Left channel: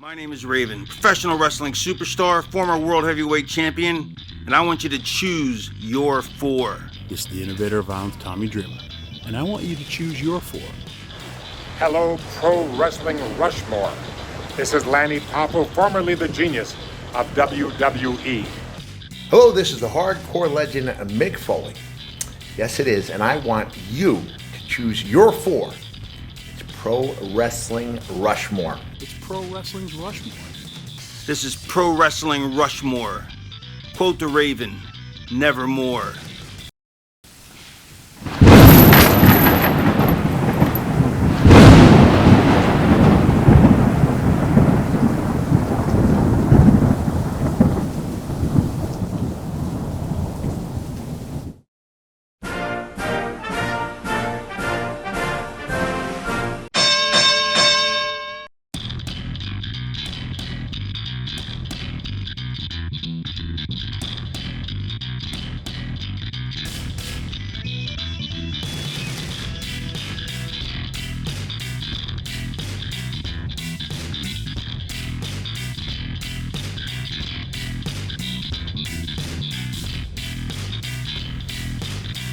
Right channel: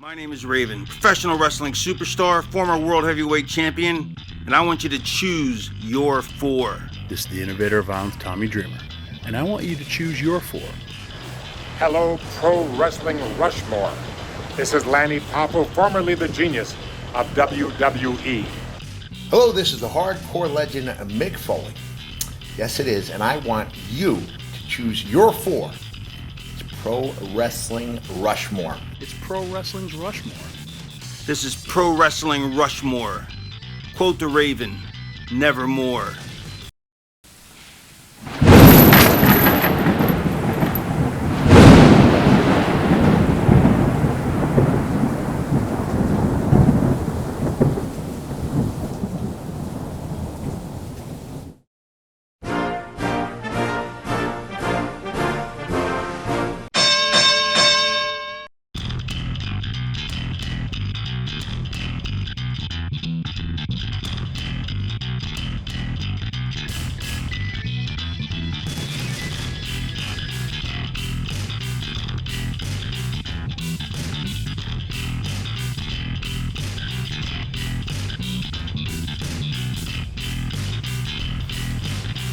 My name is Raven, professional wrestling superstar, former world heavyweight champion, and I want you to choose your four. This is the innovator of violence, Tommy Dreamer, and I want you to choose your four. Hello, Pro Wrestling Rushmore. This is Lanny Poffo, formerly the genius of WWE. Hello, this is the hardcore legend Mick Foley. Yes, it is, and I want you to choose your four. It's Pro Wrestling Rushmore. It's Pro Wrestling's Rushmore. This is Pro Wrestling Rushmore. Quote the Raven, nevermore.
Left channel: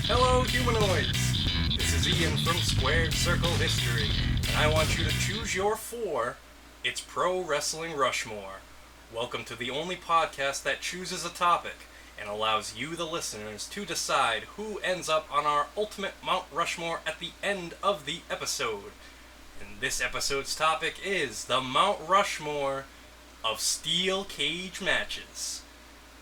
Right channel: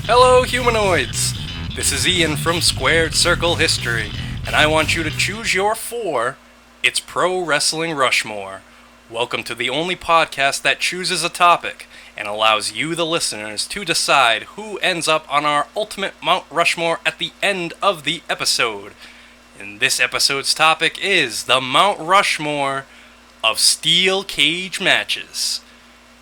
Hello, humanoids! This is Ian from Squared Circle History, and I want you to choose your four. It's Pro Wrestling Rushmore. Welcome to the only podcast that chooses a topic and allows you, the listeners, to decide who ends up on our ultimate Mount Rushmore at the end of the episode. And this episode's topic is the Mount Rushmore of steel cage matches.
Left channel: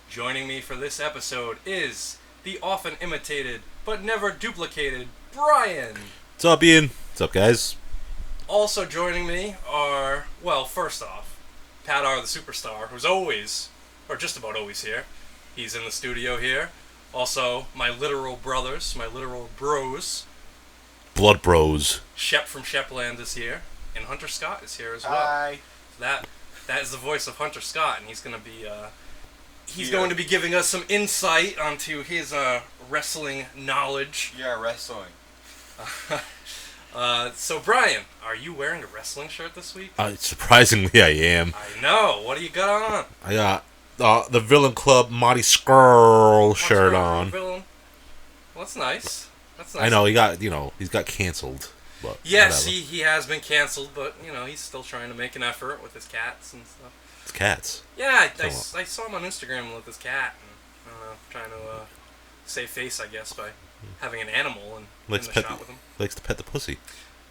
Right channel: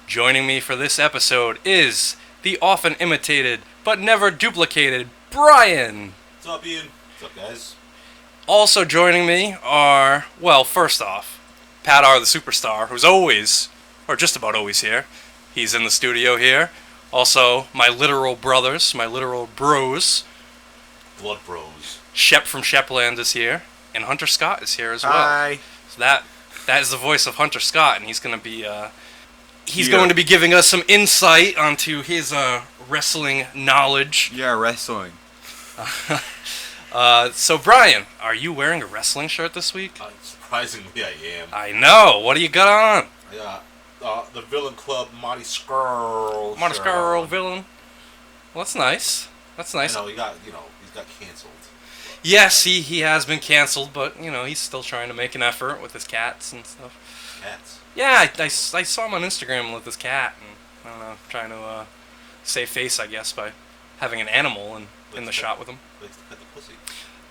Joining me for this episode is the often imitated but never duplicated Brian. What's up, Ian? What's up, guys? Also joining me are, well, first off, Pat R. the Superstar, who's always, or just about always here. He's in the studio here. Also, my literal brothers, my literal bros. Blood Bros. Shep from Shepland is here, and Hunter Scott is here as well. Hi. So that is the voice of Hunter Scott, and he's going to be going to be giving us some insight onto his wrestling knowledge. Yeah, wrestling. So Brian, are you wearing a wrestling shirt this week? Surprisingly, I am. I know. What do you got on? I got the Villain Club Monty Skrull shirt on. Villain. Well, that's nice. That's nice. I know he's got canceled. But yes, whatever. he has been canceled, but he's still trying to make an effort with his cats and stuff. It's cats. Yeah, I saw him on Instagram with his cat, and I don't know, trying to save face, I guess, by having an animal in the shot with him. Likes to pet the pussy.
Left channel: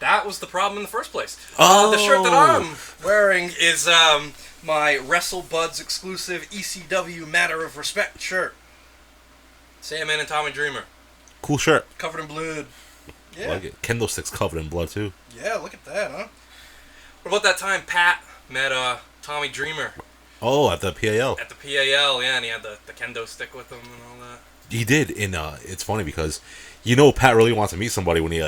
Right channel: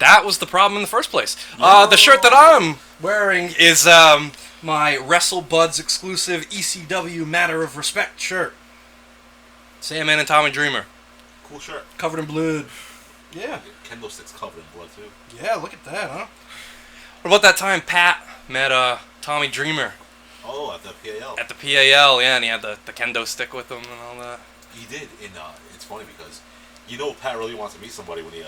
That was the problem in the first place. The shirt that I'm wearing is my WrestleBuds exclusive ECW Matter of Respect shirt. Sandman and Tommy Dreamer. Cool shirt. Covered in blood. Yeah. I like it. Kendo sticks covered in blood, too. Yeah, look at that, huh? What about that time Pat met Tommy Dreamer? Oh, at the PAL. At the PAL, yeah, and he had the kendo stick with him and all that. He did, and it's funny because Pat really wants to meet somebody when he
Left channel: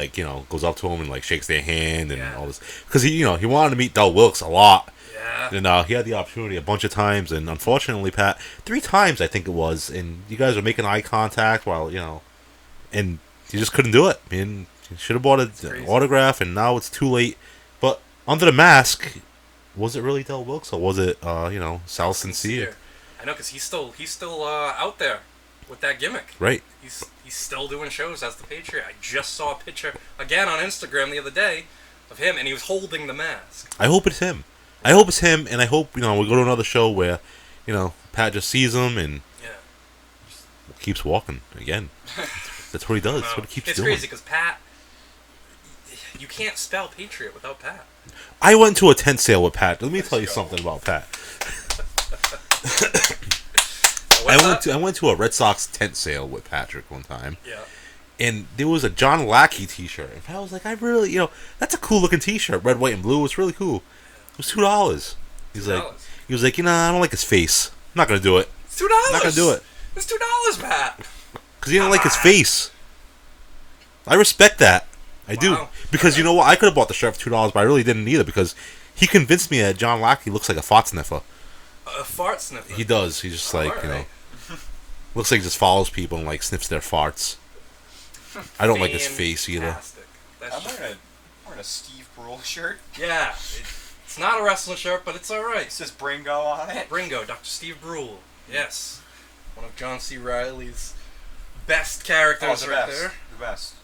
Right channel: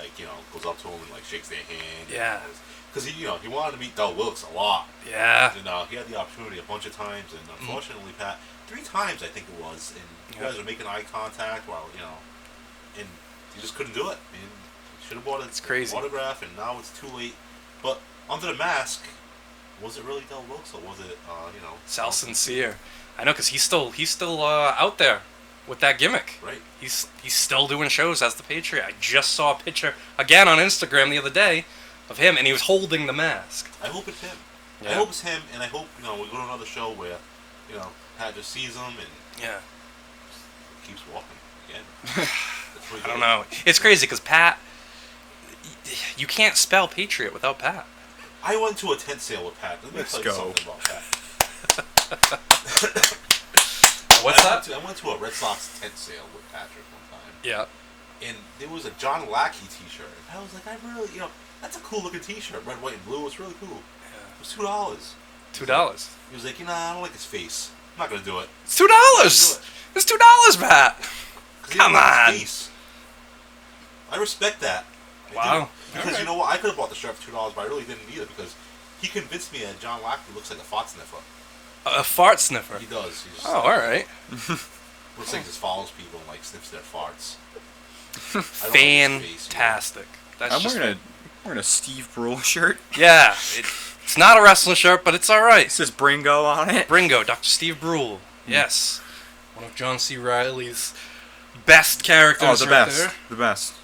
goes up to him and shakes their hand and all this, because he wanted to meet Del Wilkes a lot. Yeah. And he had the opportunity a bunch of times, and unfortunately, Pat, 3 times I think it was, and you guys were making eye contact while and he just couldn't do it. I mean, he should have bought an autograph, and now it's too late. But under the mask, was it really Del Wilkes, or was it Sal Sincere? I know, because he's still out there with that gimmick. Right. He's still doing shows as the Patriot. I just saw a picture again on Instagram the other day of him, and he was holding the mask. I hope it's him. Yeah. I hope it's him, and I hope we go to another show where Pat just sees him and keeps walking again. That's what he does. It's crazy because Pat, you can't spell Patriot without Pat. I went to a tent sale with Pat. Let me tell you something about Pat. I went to a Red Sox tent sale with Patrick one time. Yeah. And there was a John Lackey t-shirt. And I was like, I really, that's a cool looking t-shirt. Red, white, and blue. It's really cool. It was $2. $2? He was like, I don't like his face. I'm not going to do it. It's $2! I'm not going to do it. It's $2, Pat! Because he didn't like his face. I respect that. I do. Because you know what? I could have bought the shirt for $2, but I really didn't either, because he convinced me that John Lackey looks like a fart sniffer. A fart sniffer? He does. He's just alright. Looks like he just follows people and sniffs their farts. I don't like his face either. Fantastic. I'm wearing a Steve Brule shirt. Yeah. It's not a wrestling shirt, but it's all right. It says Bringo on it. Bringo, Dr. Steve Brule. Yes. One of John C. Reilly's best characters there. The best.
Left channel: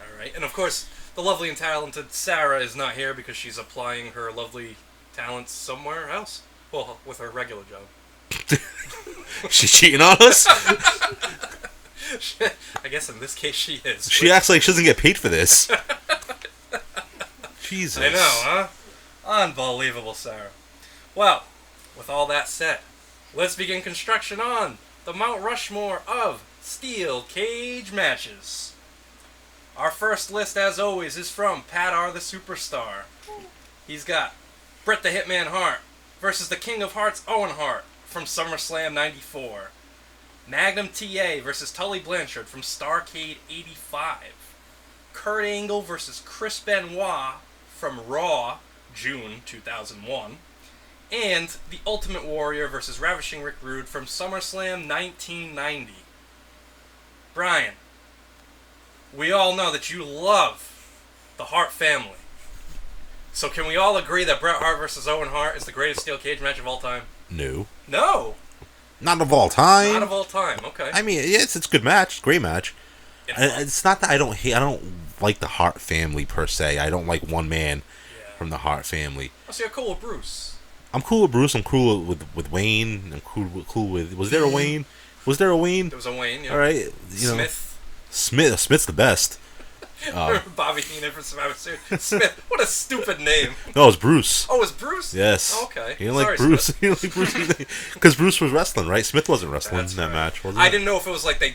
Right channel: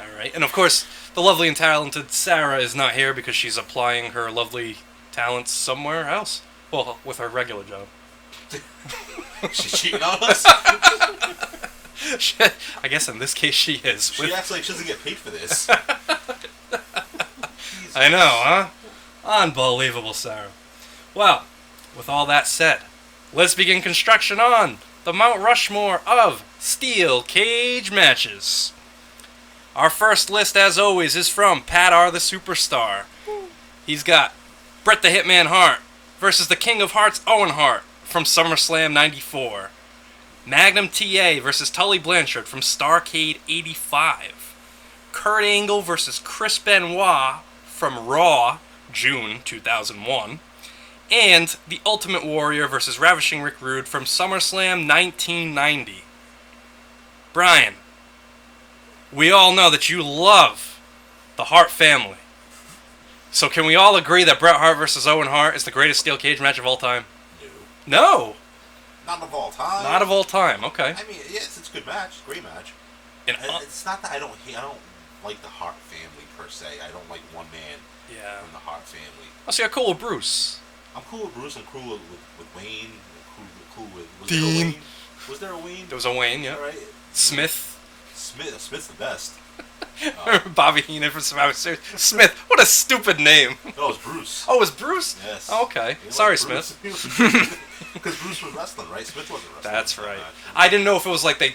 All right. And, of course, the lovely and talented Sarah is not here because she's applying her lovely talents somewhere else. Well, with her regular job. She's cheating on us? I guess in this case she is. She acts like she doesn't get paid for this. Jesus. I know, huh? Unbelievable, Sarah. Well, with all that said, let's begin construction on the Mount Rushmore of steel cage matches. Our first list, as always, is from Pat R. the Superstar. He's got Bret the Hitman Hart versus the King of Hearts, Owen Hart, from SummerSlam 94. Magnum TA versus Tully Blanchard from Starrcade 85. Kurt Angle versus Chris Benoit from Raw, June 2001. And The Ultimate Warrior versus Ravishing Rick Rude from SummerSlam 1990. Brian, we all know that you love the Hart family. So can we all agree that Bret Hart versus Owen Hart is the greatest steel cage match of all time? No. No! Not of all time. Not of all time, okay. I mean, yes, it's a good match. Great match. It's not that I don't like the Hart family per se. I don't like one man from the Hart family. Oh, so you're cool with Bruce. I'm cool with Bruce. I'm cool with Wayne. I'm cool with. Was there a Wayne? Was there a Wayne? There was a Wayne, yeah. All right. Smith. Smith's the best. Bobby Heenan from Survivor Series. Smith. What a stupid name. No, it's Bruce. Oh, it's Bruce? Yes. Oh, okay. You Sorry, like Bruce. Smith. Because Bruce was wrestling, right? Smith wasn't wrestling in that match. I didn't know if it was like they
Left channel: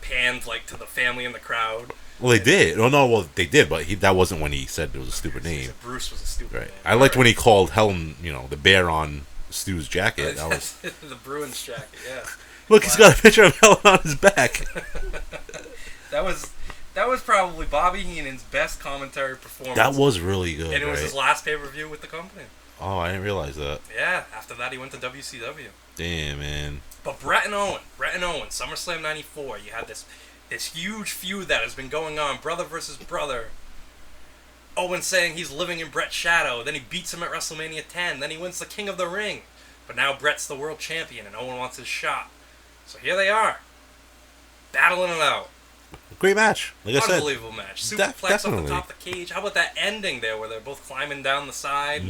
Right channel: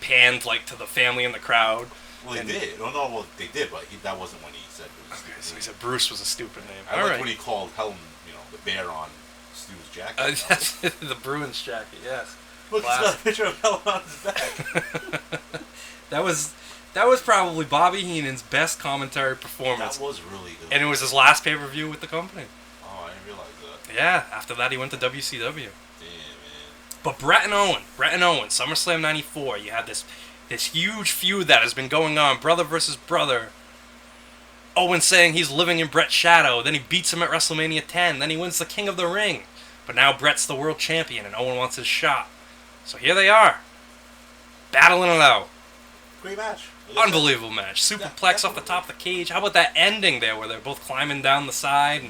panned like to the family in the crowd. Well, they did. Oh no, well they did, but that wasn't when he said it was a stupid So name. he said Bruce was a stupid name. I liked when he called Helen, the bear on Stu's jacket. The Bruins jacket, yeah. Look, he's got a picture of Helen on his back. That was probably Bobby Heenan's best commentary performance. That was really good. And it was his last pay-per-view with the company. Oh, I didn't realize that. Yeah, after that he went to WCW. Damn, man. But Bret and Owen, SummerSlam 94, you had this huge feud that has been going on, brother versus brother. Owen saying he's living in Bret's shadow, then he beats him at WrestleMania 10, then he wins the King of the Ring. But now Bret's the world champion and Owen wants his shot. So here they are, battling it out. Great match. Like Unbelievable match. Superplex off the top of the cage. How about that ending there where they're both climbing down the side?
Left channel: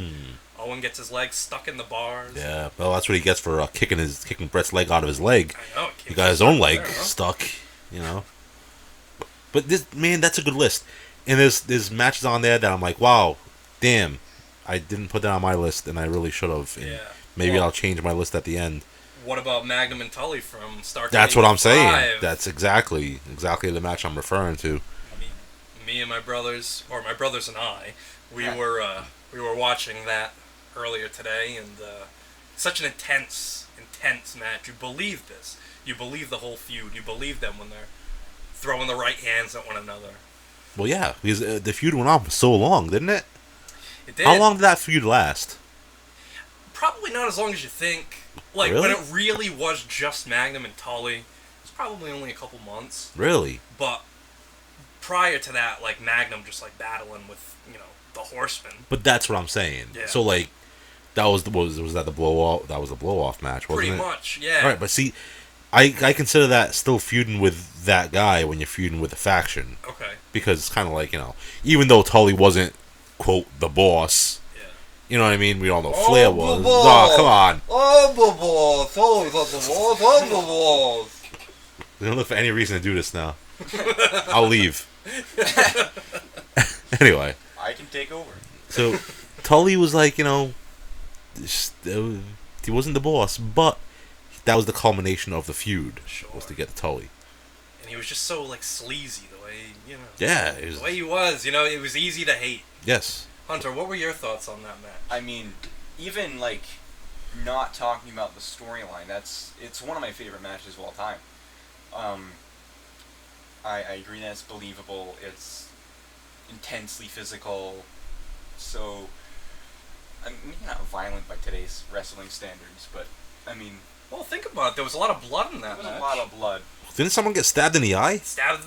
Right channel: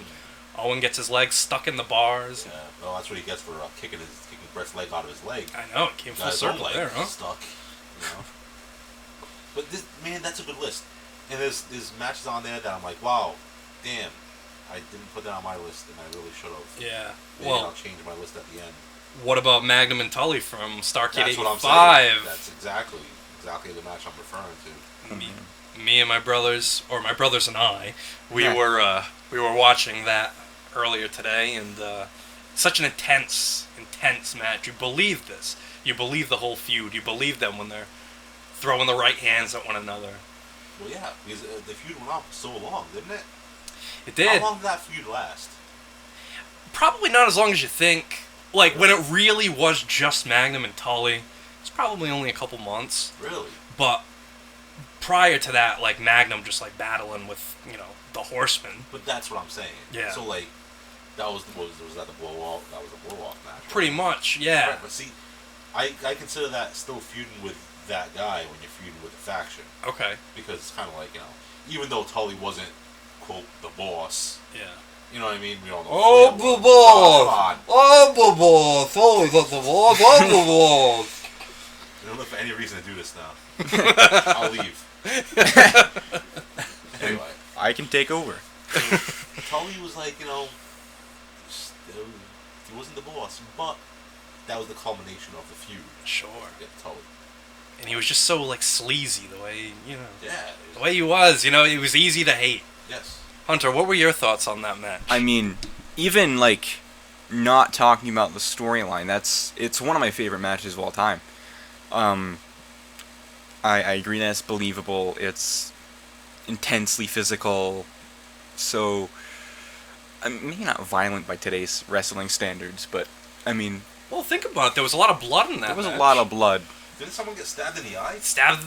Owen gets his legs stuck in the bars. Yeah, well, that's what he gets for kicking Bret's leg out of his leg. I know. He got his own leg stuck, But that's a good list. And there's matches on there that I'm like, wow, damn, I didn't put that on my list, and I really should have. Yeah. Maybe I'll change my list at the end. What about Magnum and Tully from Starrcade? That's what I'm saying. That's exactly the match I'm referring to. Me and my brothers, or my brothers and I, we were watching that earlier today, and such an intense match. You believe this. You believe the whole feud. You believe them when they're throwing the right hands at one another. Well, yeah, because the feud went on for so long, didn't it? It did. How long did that feud last? Probably not as long as you think. Like, really? When it really was just Magnum and Tully, it's probably only a couple months. Really? But prior to that, like, Magnum just, like, battling with, the Horsemen. But that's what I'm saying. Yeah. So, like, was that the blow-off? That was a blow-off match, wasn't Pretty it? much, yeah. All right, but see, I consider that still feuding with that guy when you're feuding with a faction. Okay. Because it's kind of like, even though Tully wasn't, quote, the boss. Yeah. You know what I mean? We all know Flair was. Come on. Tully's not the boss. I'm the boss. We don't look for any reason to do this now. I'll leave. Anyway. I can take over. So, Tully was like, he wasn't the boss, but that was the culmination of the feud. Sure. Was to get Tully. And he was just so, like, sleazy the way, Yeah. The way he was, it was easy to hate. Yes. Hunter, what were your thoughts on that match? I mean, even, like, not talking about the storyline, it's one of my favorite matches of all time. I agree that it's believable, it's intensely physical, so, maybe not violent by today's wrestling standards, but, I mean... Well, think about it, there was a lot of blood in that There was match. a lot of blood. Didn't someone get stabbed in the eye? Stabbed,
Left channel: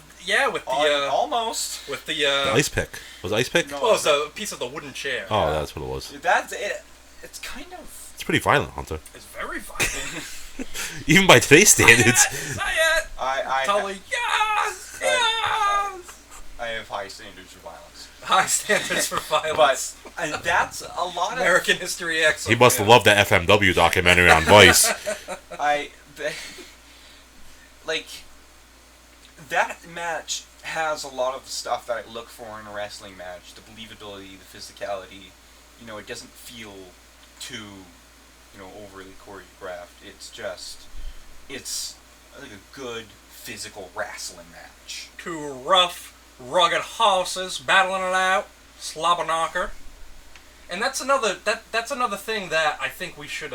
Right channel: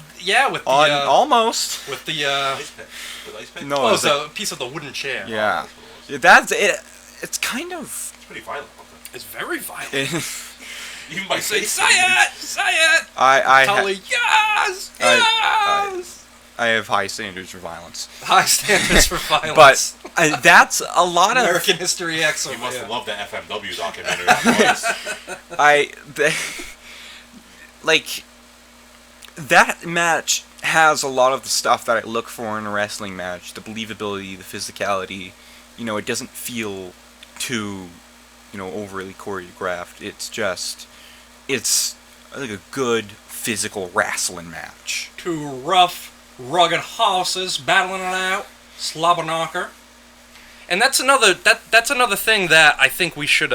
with the... almost. With the... The ice pick. Was it ice pick? No, Oh, it was a piece of the wooden chair. Oh, that's what it was. That's it. It's kind of... It's pretty violent, Hunter. It's very violent. Even by today's standards. Say it! I Yes! I have high standards for violence. High standards for violence. But that's a lot of... American History X. He must have loved that FMW documentary on Vice. Like, that match has a lot of the stuff that I look for in a wrestling match. The believability, the physicality. You know, it doesn't feel too, overly choreographed. It's like a good physical wrestling match. Two rough, rugged horses battling it out. Slobber knocker. And that's another thing that I think we should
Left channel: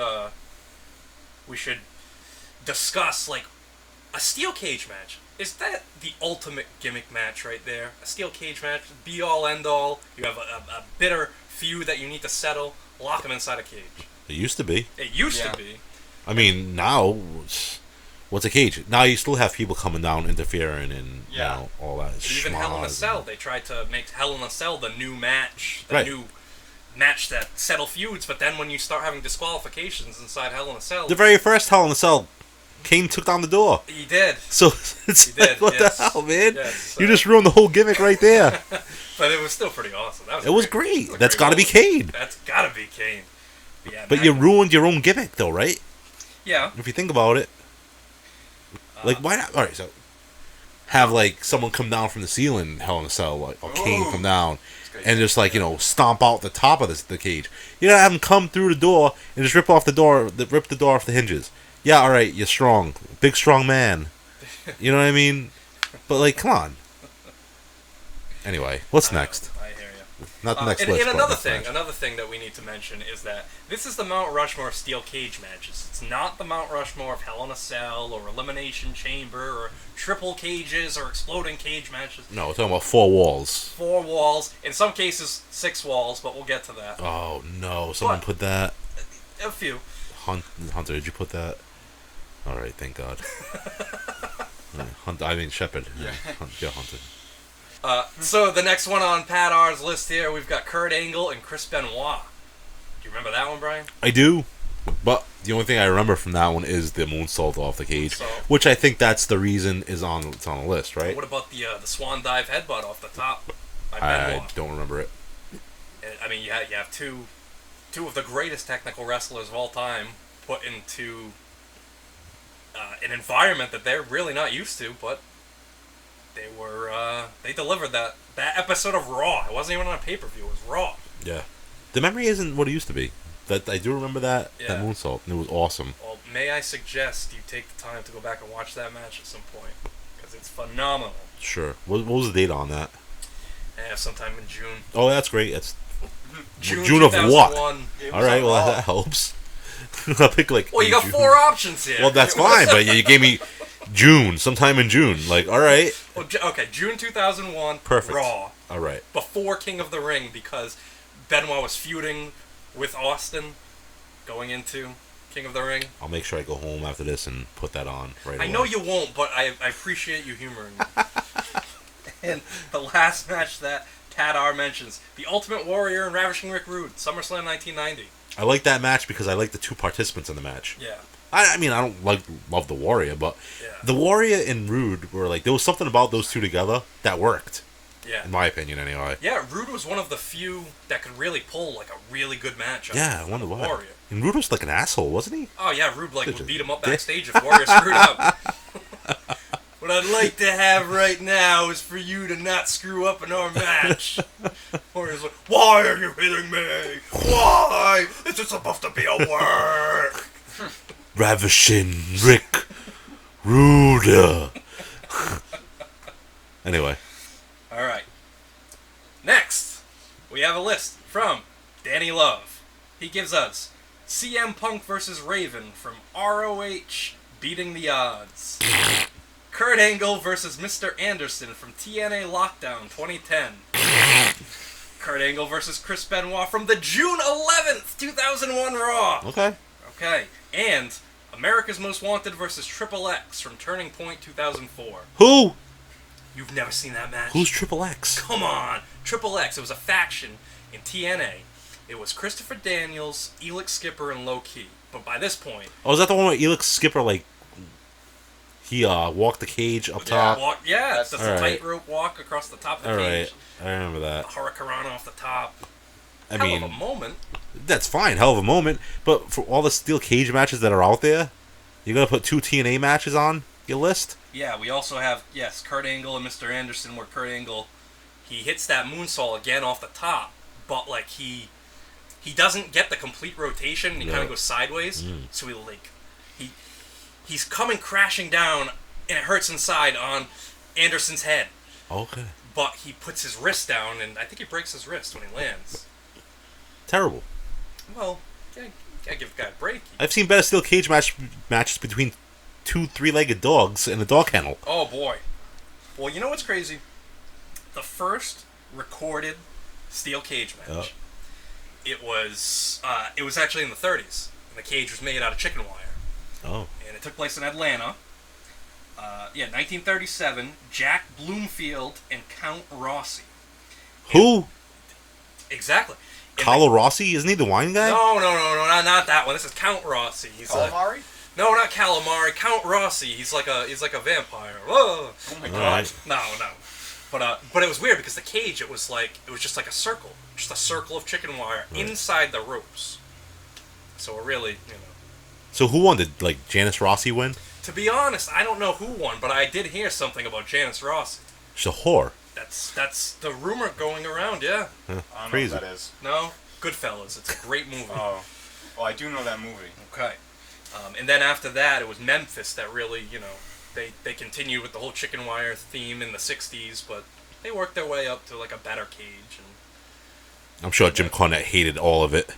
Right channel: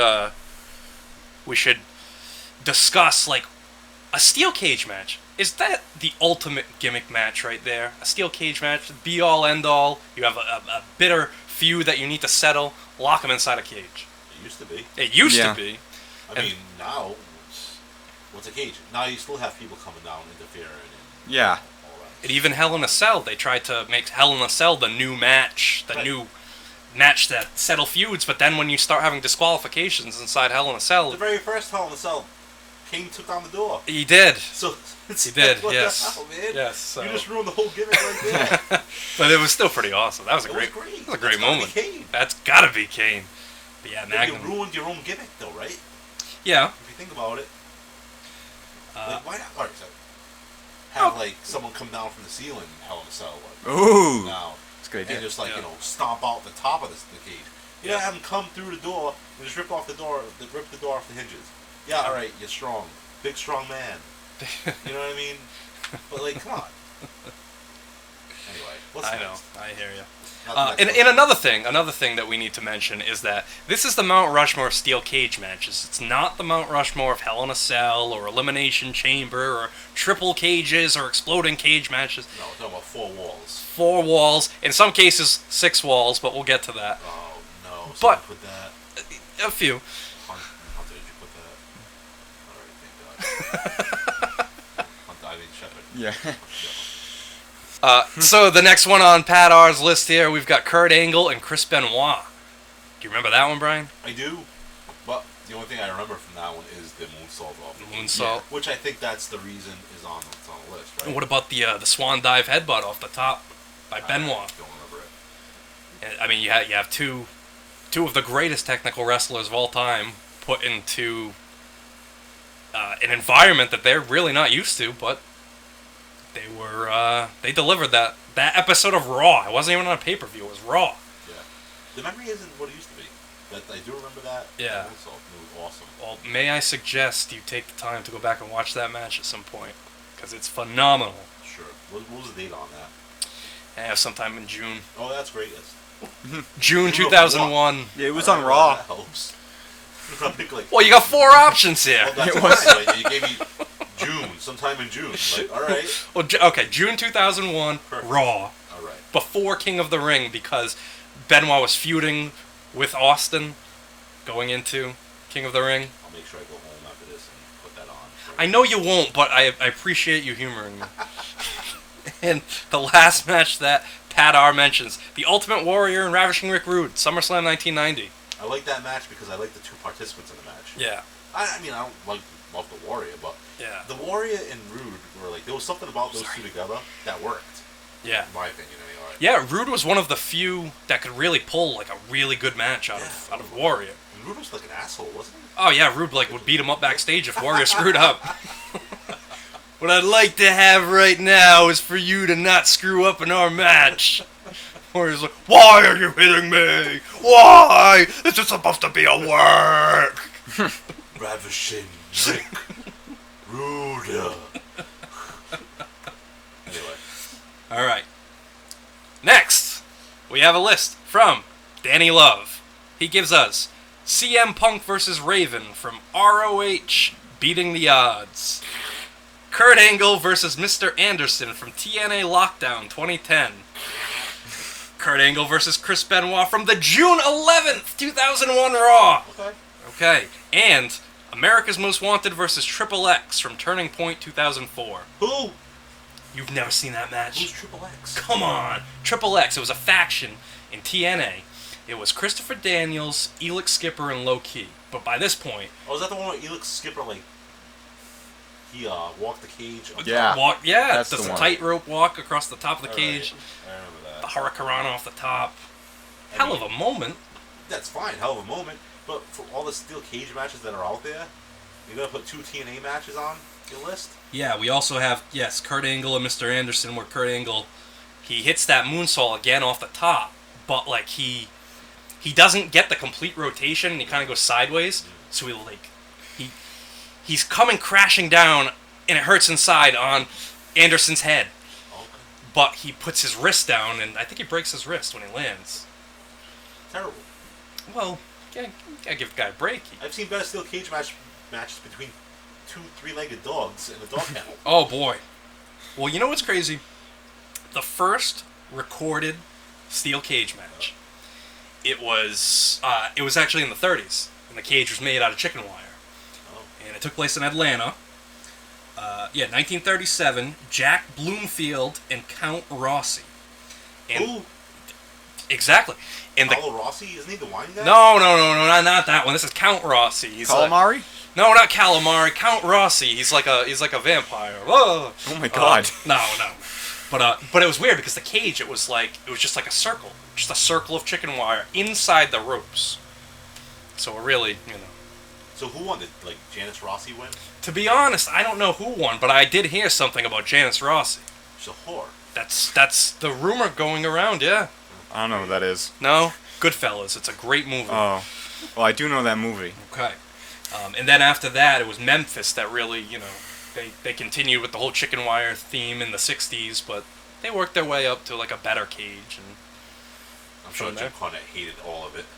discuss, like, a steel cage match. Is that the ultimate gimmick match right there? A steel cage match, be all end all. You have a bitter feud that you need to settle. Lock them inside a cage. It used to be. It used to be. I mean, now, what's a cage? Now you still have people coming down, interfering, and all that. And even Hell in a Cell, they tried to make Hell in a Cell the new match, new match that settle feuds. But then when you start having disqualifications inside Hell in a Cell, the very first Hell in a Cell, Kane took down the door. He did. So it's he did. What yes. the hell, man? Yes, so. You just ruined the whole gimmick right there. But it was still pretty awesome. That was. It was great. That's got to be Kane. That's got to be Kane. But you ruined your own gimmick, though, right? Yeah. If you think about it, like why not? All right, so have like someone come down from the ceiling, Hell in a Cell, like Kane come down, and just like stomp out the top of the cage. You know, have him come through the door and just rip the door off the hinges. Yeah, all right, you're strong, big strong man. You know what I mean? But like, come on. Anyway, what's next? I hear you. Not the next and list, another thing that we need to mention is that this is the Mount Rushmore of steel cage matches. It's not the Mount Rushmore of Hell in a Cell or Elimination Chamber or triple cages or exploding cage matches. No, we're talking about 4 walls. 4 walls. In some cases, 6 walls, but we'll get to that. Oh no! Someone put that. A few. Hunter, did you put that? All right, thank God. Hunter, I mean Shepard. Yeah. Hunter. So the next one on Pat R's list here, we've got Kurt Angle and Chris Benoit. Do you remember that one, Brian? I do, but the only thing I remember from that one is the moonsault off the cage, which I think that's the reason it's on the list, right? What about the swan dive headbutt off the top by Benoit? I don't remember it. I mean, you have two of the greatest technical wrestlers of all time put into an environment that they're really not used to, but they delivered that episode of Raw. It wasn't even on a pay-per-view. It was Raw. Yeah. The memory isn't what it used to be. That I do remember that moonsault. It was awesome. Well, may I suggest you take the time to go back and watch that match at some point, because it's phenomenal. Sure. What was the date on that? Sometime in June. Oh, that's great. That's June 2001. Yeah, it was on on Raw. Raw. That helps. I pick like. Well, you got 4 options here. Well, that's fine, but you gave me June, sometime in June. Like, all right. Well, okay, June 2001. Perfect. Raw. All right. Before King of the Ring, because Benoit was feuding with Austin going into King of the Ring. I'll make sure I go home after this and put that on. Right. I know you won't, but I appreciate you humoring me. And the last match that Pat R mentions, The Ultimate Warrior and Ravishing Rick Rude, SummerSlam 1990. I like that match because I like the 2 participants in the match. Yeah. I mean, I don't love the Warrior, but the Warrior and Rude were like, there was something about those two together that worked. Yeah. In my opinion, anyway. Yeah, Rude was one of the few that could really pull like a really good match out of the Warrior. And Rude was like an asshole, wasn't he? Oh yeah, Rude would beat him up backstage if Warrior screwed up. What I'd like to have right now is for you to not screw up in our match. Warrior's like, why are you hitting me? Why? This is supposed to be a work. Ravishing Rick Rude. Anyway. All right. Next, we have a list from Danny Love. He gives us CM Punk versus Raven from ROH Beating the Odds. Kurt Angle versus Mr. Anderson from TNA Lockdown 2010. Kurt Angle versus Chris Benoit from the June 11th, 2001 Raw. Okay. Okay. And America's Most Wanted versus Triple X from Turning Point 2004. Who? You've never seen that match? Who's Triple X? Come on. Triple X. It was a faction in TNA. It was Christopher Daniels, Elix Skipper, and Low Key. But by this point... Oh, is that the one where Elix Skipper, like, he walked the cage up top? Does a tightrope walk across the top of the cage. Right. I remember that. The Hurricane off the top. I Hell mean, of a moment. That's fine, hell of a moment. But for all the steel cage matches that are out there, you're going to put 2 TNA matches on your list? Yeah, we also have, Kurt Angle and Mr. Anderson, where Kurt Angle, he hits that moonsault again off the top, but, like, he doesn't get the complete rotation, and he kind of goes sideways, so he's coming crashing down, and it hurts inside on Anderson's head. Okay. But he puts his wrist down, and I think he breaks his wrist when he lands. Terrible. Well, gotta give the guy a break. I've seen better steel cage matches between 2 3-legged dogs in a dog kennel. Oh, boy. Well, you know what's crazy? The first recorded steel cage match, it was actually in the 30s, and the cage was made out of chicken wire. Oh. And it took place in Atlanta. 1937, Jack Bloomfield and Count Rossi. Who? Exactly. Paulo Rossi? Isn't he the wine guy? No, not that one. This is Count Rossi. He's Calamari? No, not Calamari. Count Rossi. He's like a vampire. Whoa. Oh my god. No. But it was weird because the cage, it was just like a circle. Just a circle of chicken wire inside the ropes. So it really, So who won? Did, like, Janice Rossi win? To be honest, I don't know who won, but I did hear something about Janice Rossi. She's a whore. That's the rumor going around, yeah. I don't know what that is. No? Goodfellas. It's a great movie. Oh. Well, I do know that movie. Okay. And then after that, it was Memphis that really, they continued with the whole chicken wire theme in the 60s, but they worked their way up to, like, a better cage. And I'm sure Jim Cornette hated all of it.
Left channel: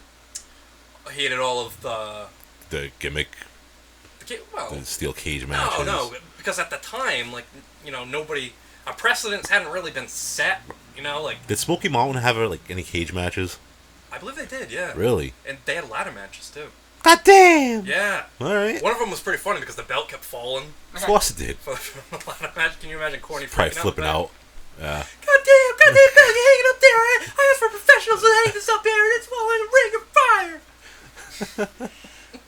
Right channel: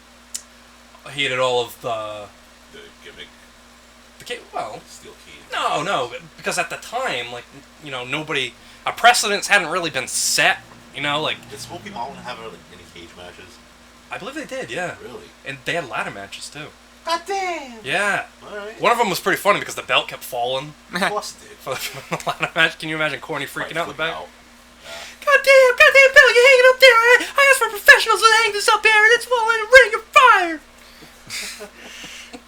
Hated all of the gimmick. The steel cage matches. No, because at the time, like, nobody... A precedence hadn't really been set, like... Did Smokey Mountain have, like, any cage matches? I believe they did, yeah. Really? And they had ladder matches, too. God damn! Yeah. Alright. One of them was pretty funny because the belt kept falling. Of course it did. For the ladder match. Can you imagine Corny freaking out? Flipping out. Yeah. Goddamn belt, you're hanging up there. I asked for professionals to hang this up there, and it's falling in a ring of fire.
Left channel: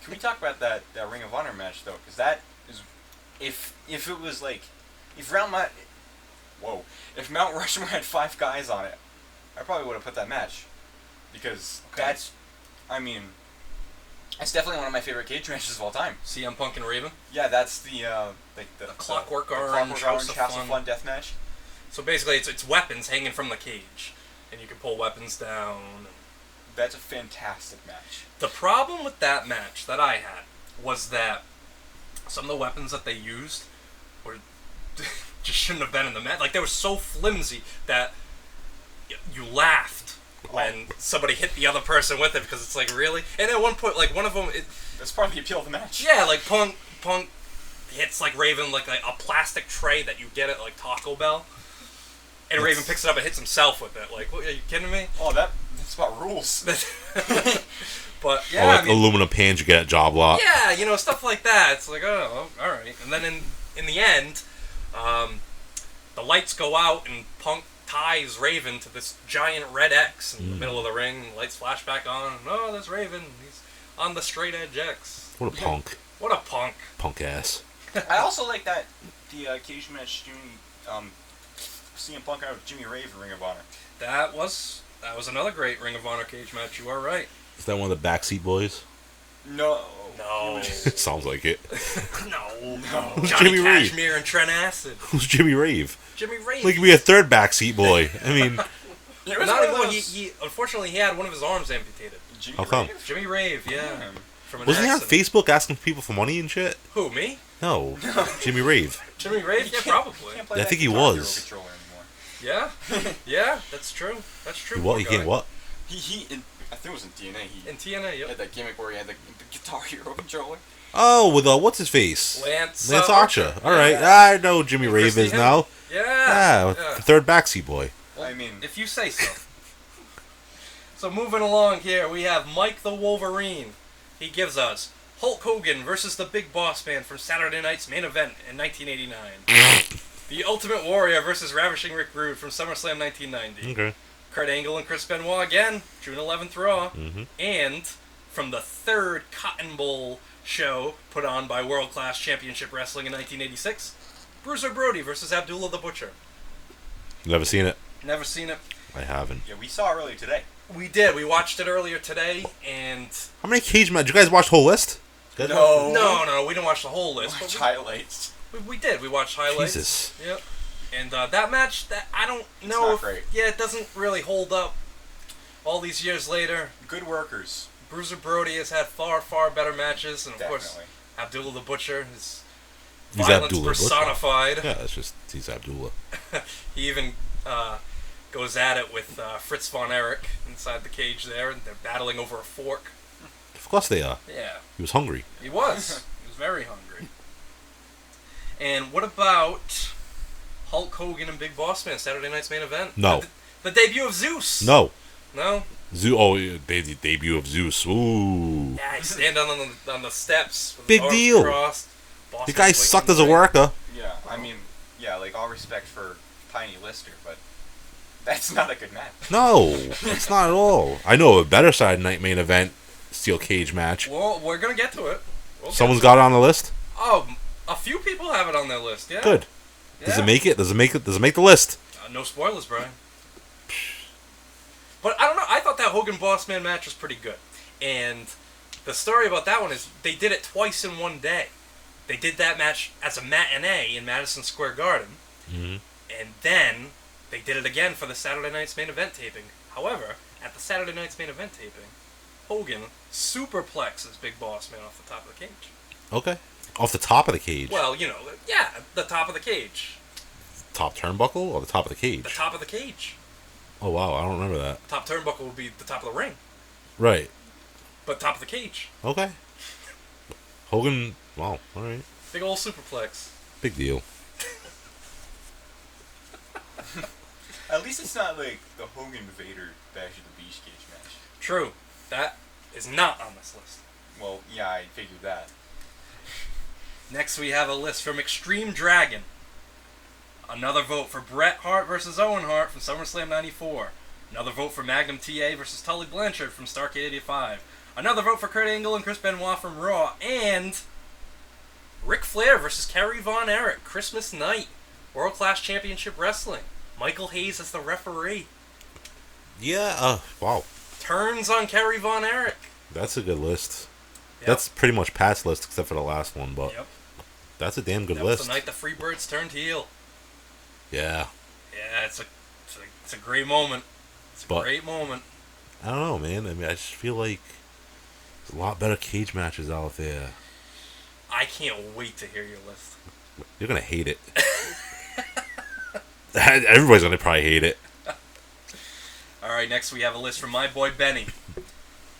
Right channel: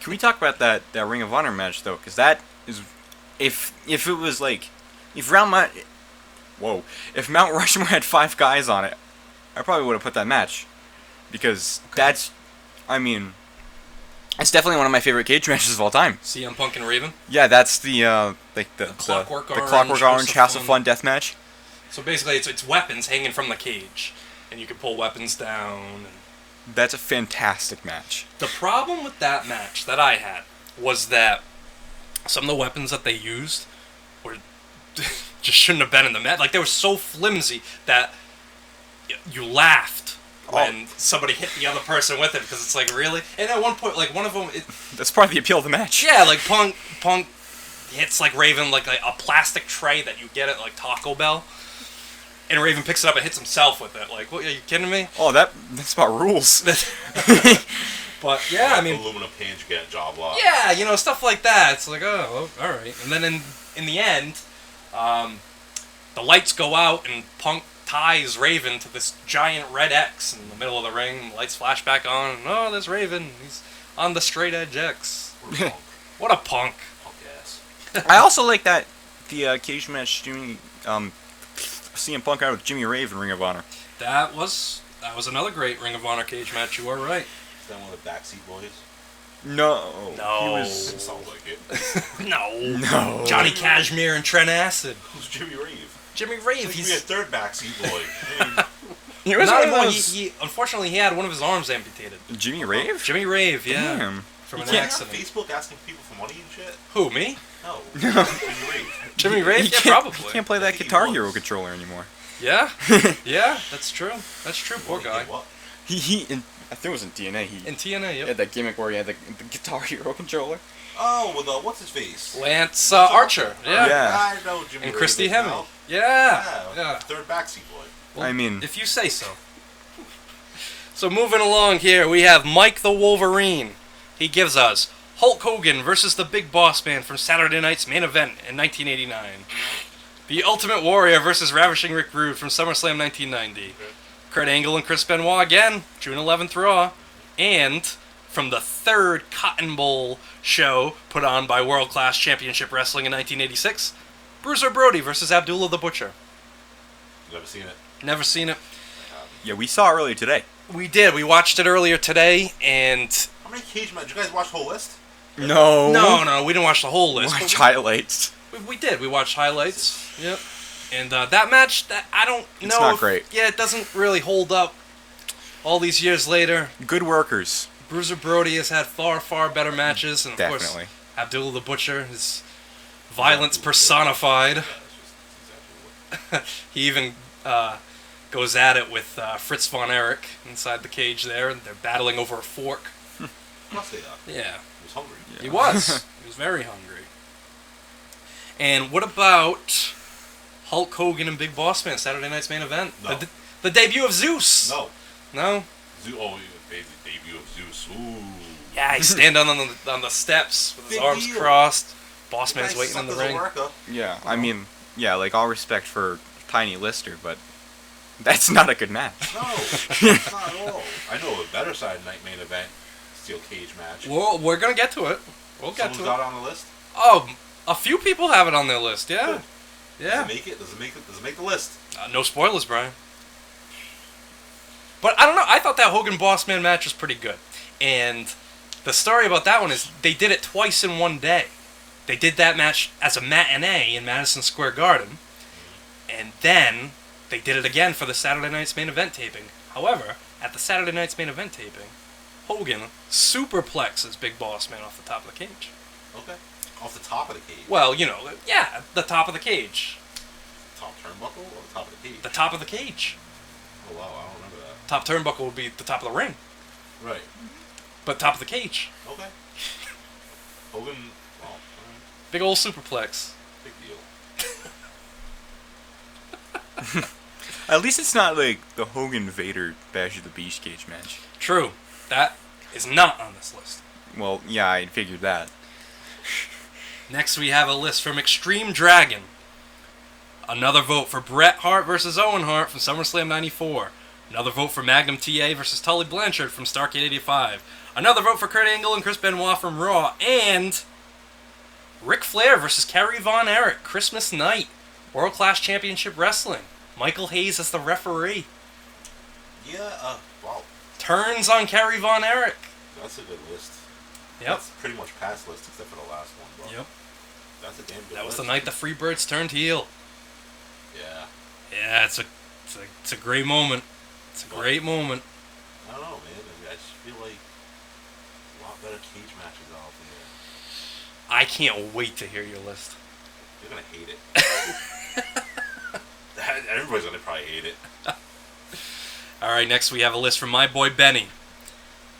Can we talk about that Ring of Honor match, though? Because that is... If it was, like... If Mount Rushmore had 5 guys on it, I probably would have put that match. Because that's... I mean... It's definitely one of my favorite cage matches of all time. CM Punk and Raven? Yeah, that's the Clockwork Orange House of Fun death match. So basically, it's weapons hanging from the cage, and you can pull weapons down. That's a fantastic match. The problem with that match that I had was that some of the weapons that they used were just shouldn't have been in the match. Like, they were so flimsy that you laughed when somebody hit the other person with it, because it's like, really? And at one point, like, one of them... That's part of the appeal of the match. Yeah, like, Punk hits, like, Raven, like a plastic tray that you get at, like, Taco Bell. And Raven picks it up and hits himself with it. Like, what, are you kidding me? Oh, that's about rules. But, yeah, like aluminum pans you get at Job Lot. Yeah, stuff like that. It's like, oh, alright. And then in the end, the lights go out and Punk ties Raven to this giant red X in the middle of the ring. And lights flash back on. And, there's Raven. He's on the straight edge X. What a punk. What a punk. Punk ass. I also like that the cage match CM Punk out with Jimmy Rave in Ring of Honor. That was another great Ring of Honor cage match. You are right. Is that one of the Backseat Boys? No. Sounds like it. No. Johnny Jimmy Cashmere and Trent Acid. Who's Jimmy Rave? Jimmy Rave. Like, be a third Backseat Boy. I mean... He unfortunately, he had one of his arms amputated. Jimmy Rave? Jimmy Rave, yeah. Damn. From Was he on Facebook asking people for money and shit? Who, me? No. Jimmy Rave. Jimmy Rave? Yeah, probably. You can't play that think he Guitar was. Hero controller anymore. Yeah? Yeah, that's true. That's true. What? He can't what? I think it was in TNA. In TNA, yep. He had that gimmick where he had the Guitar Hero controller. Oh, with what's his face? Lance Archer. Yeah. All right, I know Jimmy And Rave Christy is Hemme. now. Yeah. Third Backseat Boy. Well, I mean, if you say so. So moving along here, we have Mike the Wolverine. He gives us Hulk Hogan versus the Big Boss Man from Saturday Night's Main Event in 1989. The Ultimate Warrior versus Ravishing Rick Rude from SummerSlam 1990. Okay. Kurt Angle and Chris Benoit again, June 11th Raw. And from the third Cotton Bowl show put on by World Class Championship Wrestling in 1986, Bruiser Brody versus Abdullah the Butcher. Never seen it. Never seen it. I haven't. Yeah, we saw it earlier today. We did. We watched it earlier today, and... How many cage matches? Did you guys watch the whole list? No. No, we didn't watch the whole list. Watch highlights. We did. We watched highlights. Jesus. Yep. And that match, I don't know. It's not great. Yeah, it doesn't really hold up all these years later. Good workers. Bruiser Brody has had far, far better matches. And of Definitely. course, Abdullah the Butcher is He's violence Abdullah personified. Yeah, it's just, he's Abdullah. He even goes at it with Fritz von Erich inside the cage there. And they're battling over a fork. Of course they are. Yeah. He was hungry. Yeah. He was. He was very hungry. And what about Hulk Hogan and Big Boss Man, Saturday Night's Main Event? No. The debut of Zeus. No. No? The debut of Zeus. Ooh. Yeah, he stand on the steps with Big his arms deal. crossed. Boss The Man's guy waiting sucked in as the a ring. worker. Yeah, I mean, yeah, like all respect for Tiny Lister, but that's not a good match. No, it's not at all. I know a better Saturday Night Main Event steel cage match. Well, we're gonna get to it. Someone's got it on the list. Oh, a few people have it on their list. Yeah. Good. Yeah. Does it make it? Does it make the list? No spoilers, Brian. But I don't know. I thought that Hogan Boss Man match was pretty good. And the story about that one is they did it twice in one day. They did that match as a matinee in Madison Square Garden. And then they did it again for the Saturday Night's Main Event taping. However, at the Saturday Night's Main Event taping, Hogan superplexes Big Boss Man off the top of the cage. Okay. Off the top of the cage. Well, you know, yeah, the top of the cage. Top turnbuckle or the top of the cage? The top of the cage. Oh wow, I don't remember that. Top turnbuckle would be the top of the ring. Right. But top of the cage. Okay. Hogan. Wow. All right. Big old superplex. Big deal. At least it's not like the Hogan Vader Bash of the Beach cage match. True. That is not on this list. Well, yeah, I figured that. Next we have a list from Extreme Dragon. Another vote for Bret Hart versus Owen Hart from SummerSlam 94. Another vote for Magnum TA versus Tully Blanchard from Starrcade 85. Another vote for Kurt Angle and Chris Benoit from Raw. And Ric Flair versus Kerry Von Erich, Christmas night. World Class Championship Wrestling. Michael Hayes as the referee. Yeah. Wow. Turns on Kerry Von Erich. That's a good list. Yep. That's pretty much Pat's list except for the last one, but Yep. that's a damn good That list. was the night the Freebirds turned heel. Yeah. Yeah, it's a great moment. It's a great moment. I don't know, man. I mean, I just feel like there's a lot better cage matches out there. I can't wait to hear your list. You're gonna hate it. Everybody's gonna probably hate it. All right, next we have a list from my boy Benny.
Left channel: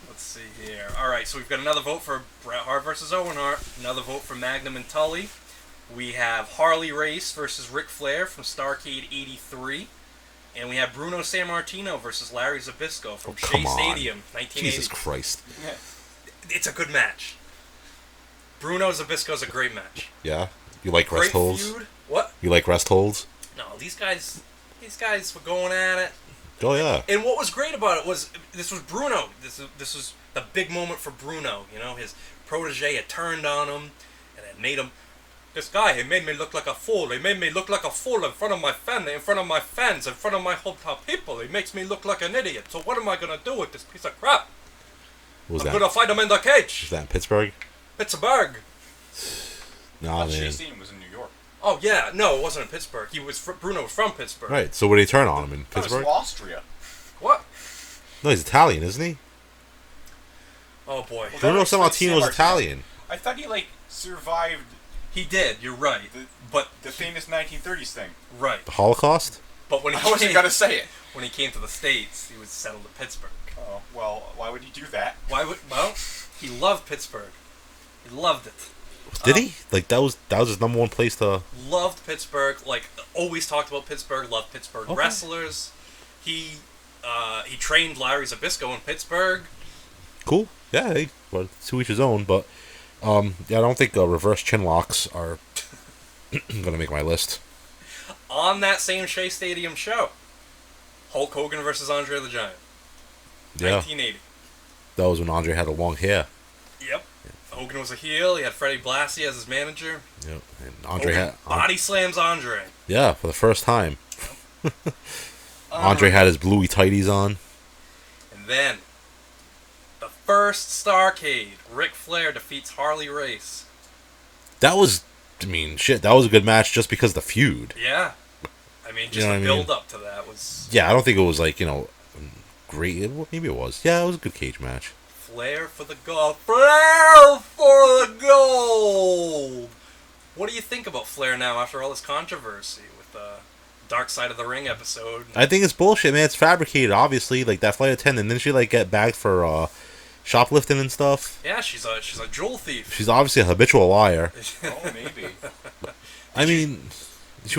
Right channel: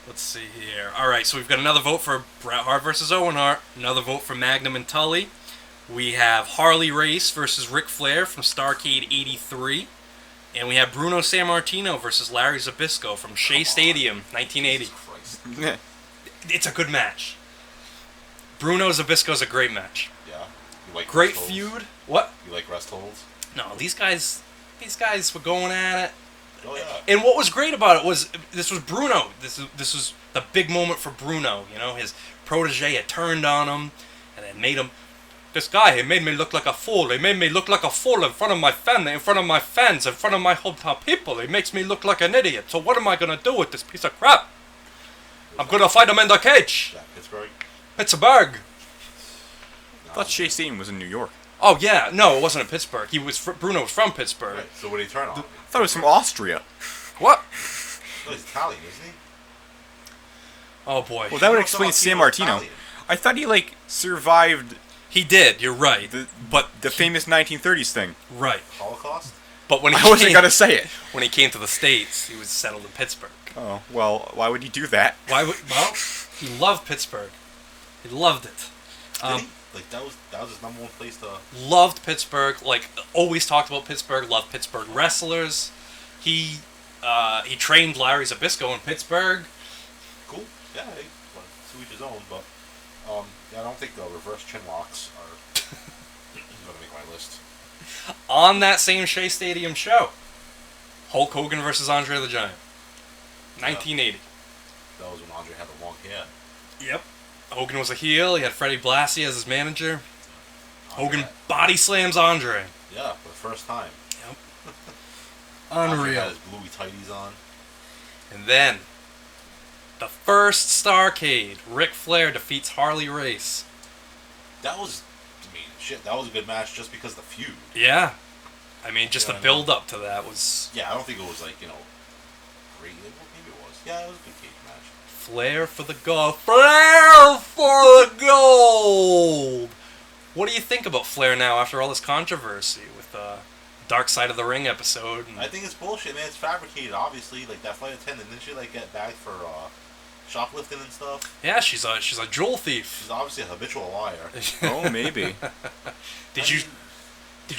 Let's see here. All right, so we've got another vote for Bret Hart versus Owen Hart. Another vote for Magnum and Tully. We have Harley Race versus Ric Flair from Starrcade 83. And we have Bruno Sammartino versus Larry Zbyszko from Shea Stadium, 1980. Jesus Christ. It's a good match. Bruno Zbyszko's a great match. Yeah? You like Great rest holds? feud. What? You like rest holds? No, these guys were going at it. Oh, yeah. And what was great about it was this was Bruno. This was the big moment for Bruno. You know, his protege had turned on him, and it made him. This guy, he made me look like a fool. He made me look like a fool in front of my family, in front of my fans, in front of my hometown people. He makes me look like an idiot. So what am I gonna do with this piece of crap? I'm gonna fight him in the cage. Was that in Pittsburgh? Pittsburgh. No, I thought Shea Stadium was in New York. Oh yeah, no, it wasn't in Pittsburgh. Bruno was from Pittsburgh. Right. So what did he turn on him in I thought it was Pittsburgh? from Austria. What? No, he's Italian, isn't he? Oh boy. Well, that would Bruno explain Sammartino's Sammartino. Italian. I thought he survived He did. You're right. But the famous 1930s thing. right. The Holocaust? But when he I wasn't came, gonna say it. when he came to the States, he was settled in Pittsburgh. Oh well, why would he do that? Why would? Well, he loved Pittsburgh. He loved it. Did he? Like, that was his number one place to... Loved Pittsburgh. Like, always talked about Pittsburgh. Loved Pittsburgh wrestlers. He trained Larry Zbyszko in Pittsburgh. Cool. Yeah, hey, well, to each his own, but Yeah, I don't think reverse chin locks are going to make my list. On that same Shea Stadium show, Hulk Hogan versus Andre the Giant. Yeah. 1980. That was when Andre had the long hair. Yep. Hogan was a heel. He had Freddie Blassie as his manager. Yep. And Hogan body slams Andre. Yeah, for the first time. Yep. Andre had his bluey tighties on. And then, the first Starrcade, Ric Flair defeats Harley Race. That was, I mean, shit, that was a good match just because of the feud. Yeah. I mean, just You know the what I mean? build-up to that was... Yeah, I don't think it was like, great. Well, maybe it was. Yeah, it was a good cage match. Flair for the gold. Flair for the gold! What do you think about Flair now after all this controversy with the Dark Side of the Ring episode? I think it's bullshit, man. It's fabricated, obviously. Like, that flight attendant, didn't she, like, get bagged for, shoplifting and stuff? Yeah, she's a jewel thief. She's obviously a habitual liar. Oh, maybe. She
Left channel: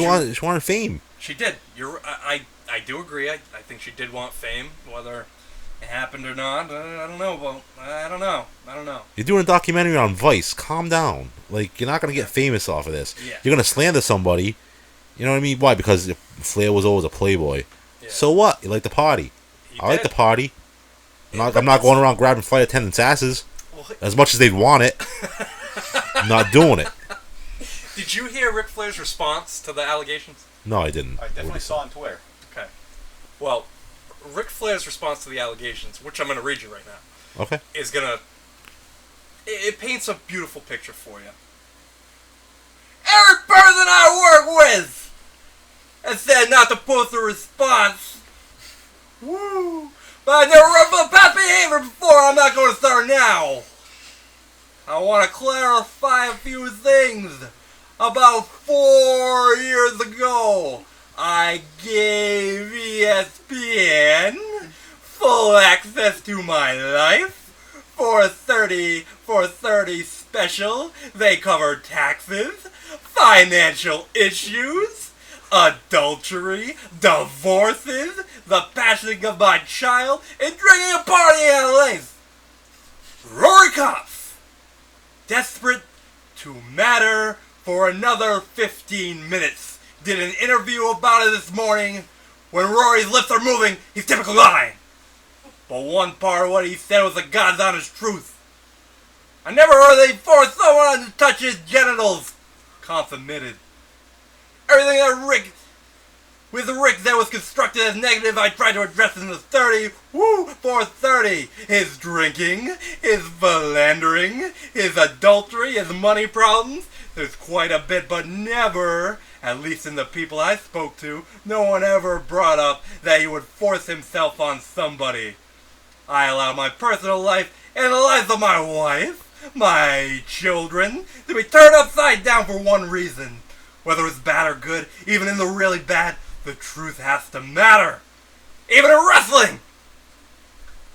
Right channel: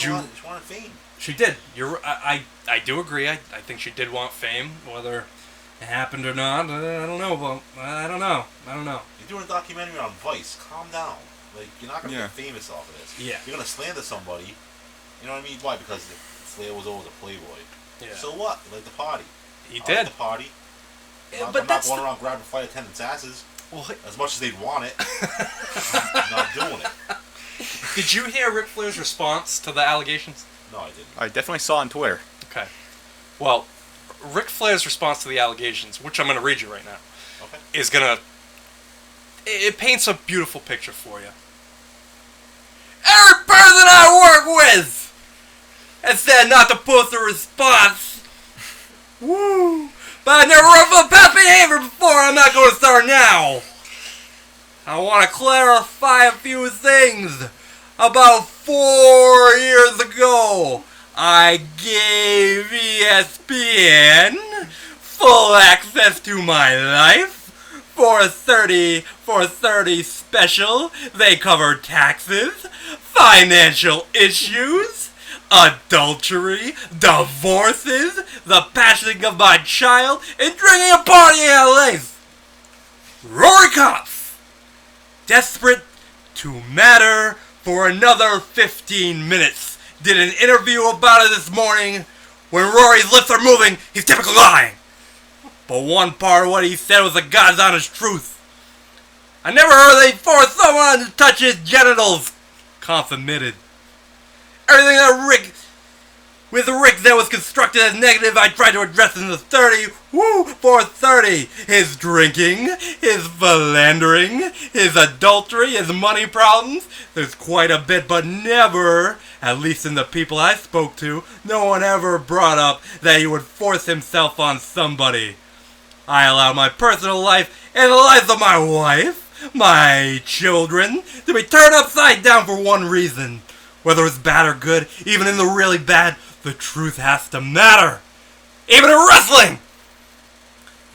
wanted fame. She did. I do agree. I think she did want fame, whether it happened or not. I don't know. But I don't know. You're doing a documentary on Vice. Calm down. Like, you're not going to get famous off of this. Yeah. You're going to slander somebody. You know what I mean? Why? Because Flair was always a playboy. Yeah. So what? You like the party. He I like did. the party. Yeah, I'm not going around grabbing flight attendants' asses. Well, As much as they'd want it. I'm not doing it. did you hear Ric Flair's response to the allegations? No, I didn't. I definitely saw on Twitter. Okay. Well, Ric Flair's response to the allegations, which I'm going to read you right now, Okay. is going to... It paints a beautiful picture for you. Every person I work with has said not to post a response. Woo! But I never wrote for past behavior before. I'm not going to start now. I want to clarify a few things. About 4 years ago, I gave ESPN full access to my life. For a 30 special, they covered taxes, financial issues, adultery, divorces, the passing of my child, and drinking a party in LA. Rory Kopf, desperate to matter for another 15 minutes, did an interview about it this morning. When Rory's lips are moving, he's typically lying. But one part of what he said was the God's honest truth. I never heard they forced someone to touch his genitals. Kopf admitted. Everything that Rick that was constructed as negative, I tried to address in the 30. Woo! For 30. His drinking, his philandering, his adultery, his money problems. There's quite a bit, but never, at least in the people I spoke to, no one ever brought up that he would force himself on somebody. I allow my personal life and the lives of my wife, my children, to be turned upside down for one reason. Whether it's bad or good, even in the really bad, the truth has to matter. Even in wrestling!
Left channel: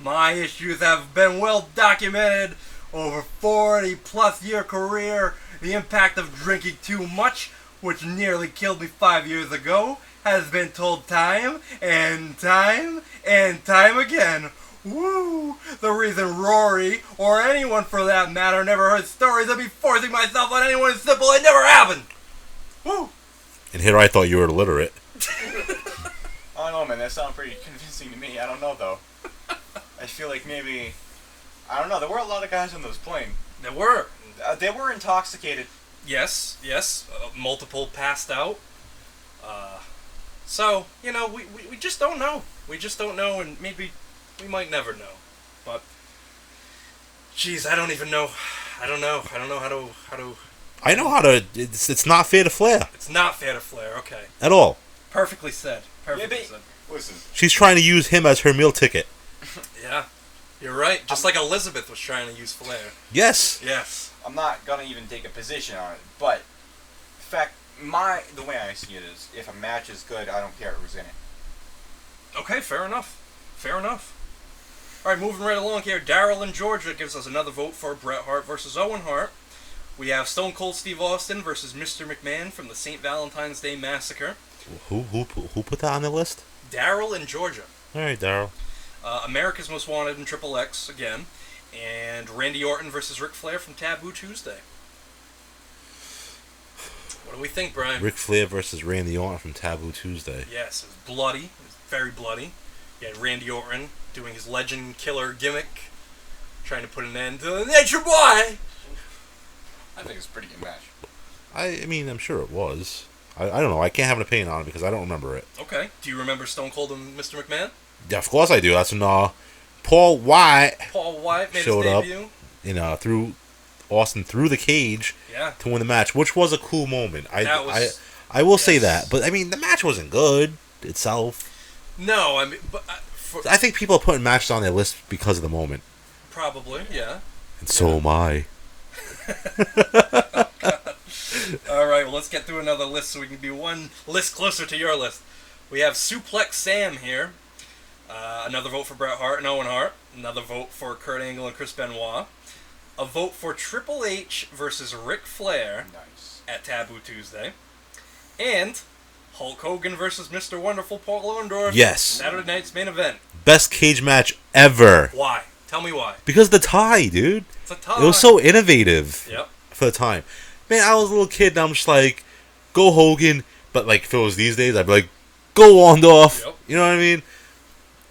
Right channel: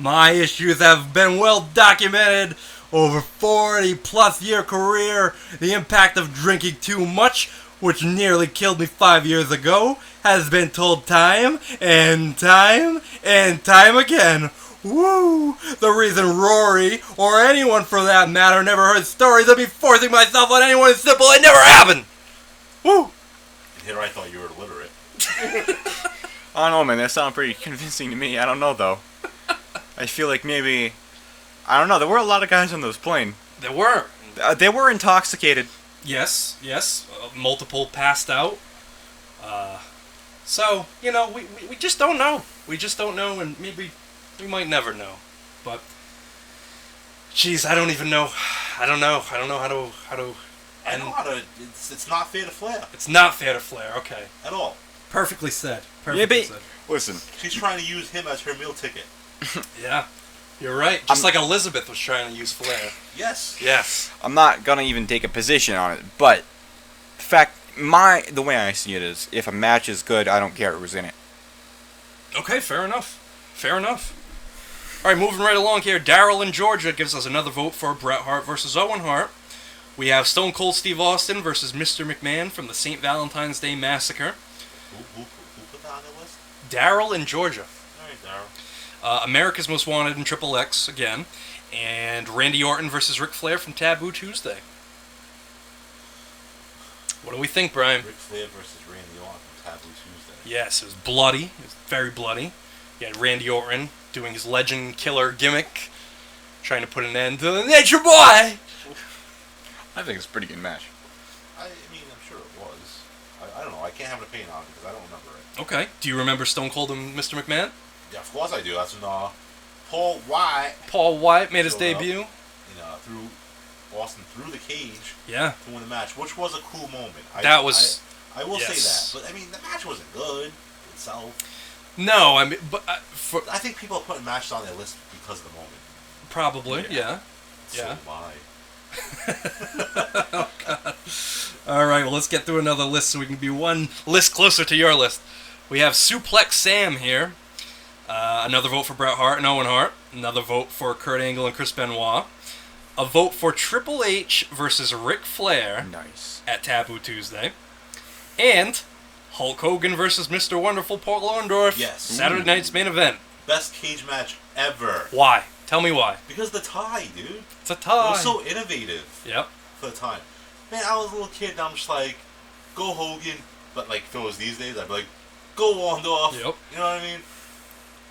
My issues have been well documented over 40-plus year career. The impact of drinking too much, which nearly killed me 5 years ago, has been told time and time and time again. Woo! The reason Rory, or anyone for that matter, never heard stories of me forcing myself on anyone is simple. It never happened! Woo! And here I thought you were illiterate. I don't know, man. That sounded pretty convincing to me. I don't know, though. I feel like maybe... I don't know. There were a lot of guys on those plane. There were. They were intoxicated. Yes. Multiple passed out. So, we just don't know. We just don't know, and maybe we might never know. But, geez, I don't even know. I don't know how to... I know how to... It's not fair to Flair. It's not fair to Flair, okay. At all. Perfectly said. Perfectly said. Listen. She's trying to use him as her meal ticket. Yeah. You're right. Just like Elizabeth was trying to use Flair. Yes. Yes. I'm not gonna even take a position on it, but the way I see it is, if a match is good, I don't care who's in it. Okay, fair enough. All right, moving right along here. Daryl in Georgia gives us another vote for Bret Hart versus Owen Hart. We have Stone Cold Steve Austin versus Mr. McMahon from the St. Valentine's Day Massacre. Who put that on the list? Daryl in Georgia. All right, Daryl. America's Most Wanted in Triple X again. And Randy Orton versus Ric Flair from Taboo Tuesday. What do we think, Brian? Ric Flair versus Randy Orton from Taboo Tuesday. Yes, it was bloody. It was very bloody. You had Randy Orton doing his legend killer gimmick, trying to put an end to the Nature Boy. I think it's a pretty good match. I mean, I'm sure it was. I don't know. I can't have an opinion on it because I don't remember it. Okay. Do you remember Stone Cold and Mr. McMahon? Yeah, of course I do. That's when Paul White Made his showed debut. Up, through Austin through the cage to win the match, which was a cool moment. I will say that, but I mean the match wasn't good itself. No, I mean, but I think people are putting matches on their list because of the moment. Probably, yeah. And so am I. Oh, God. All right, well, let's get through another list so we can be one list closer to your list. We have Suplex Sam here. Another vote for Bret Hart and Owen Hart. Another vote for Kurt Angle and Chris Benoit. A vote for Triple H versus Ric Flair at Taboo Tuesday. And Hulk Hogan versus Mr. Wonderful Paul Orndorff. Yes. Saturday night's main event. Best cage match ever. Why? Tell me why. Because the tie, dude. It's a tie. It was so innovative. Yep. For the time. Man, I was a little kid and I'm just like, go Hogan. But like, if it was these days, I'd be like, go Orndorff. Yep. You know what I mean?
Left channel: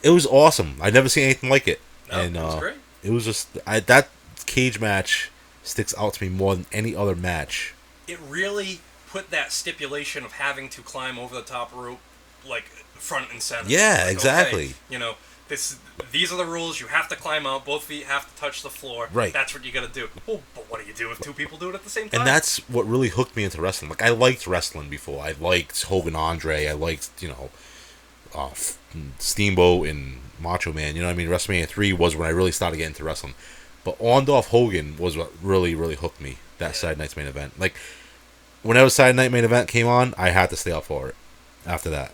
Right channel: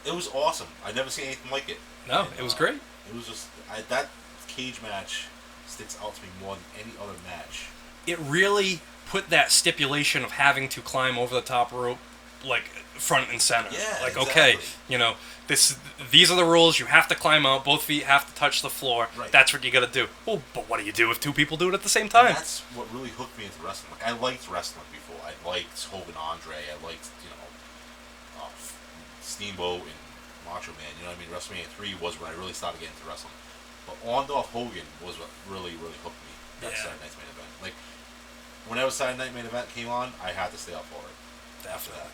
It was awesome. I'd never seen anything like it. No, it was great. It was just, that cage match sticks out to me more than any other match. It really put that stipulation of having to climb over the top rope, like, front and center. Yeah, like, exactly. Okay, you know, these are the rules. You have to climb out. Both feet have to touch the floor. Right. That's what you got to do. Well, but what do you do if two people do it at the same time? And that's what really hooked me into wrestling. Like, I liked wrestling before. I liked Hogan Andre. I liked, Steamboat and Macho Man. You know what I mean? WrestleMania 3 was when I really started getting into wrestling. But Orndorff Hogan was what really, really hooked me. That Saturday night's main event. Like, whenever Saturday night main event came on, I had to stay up for it. After that,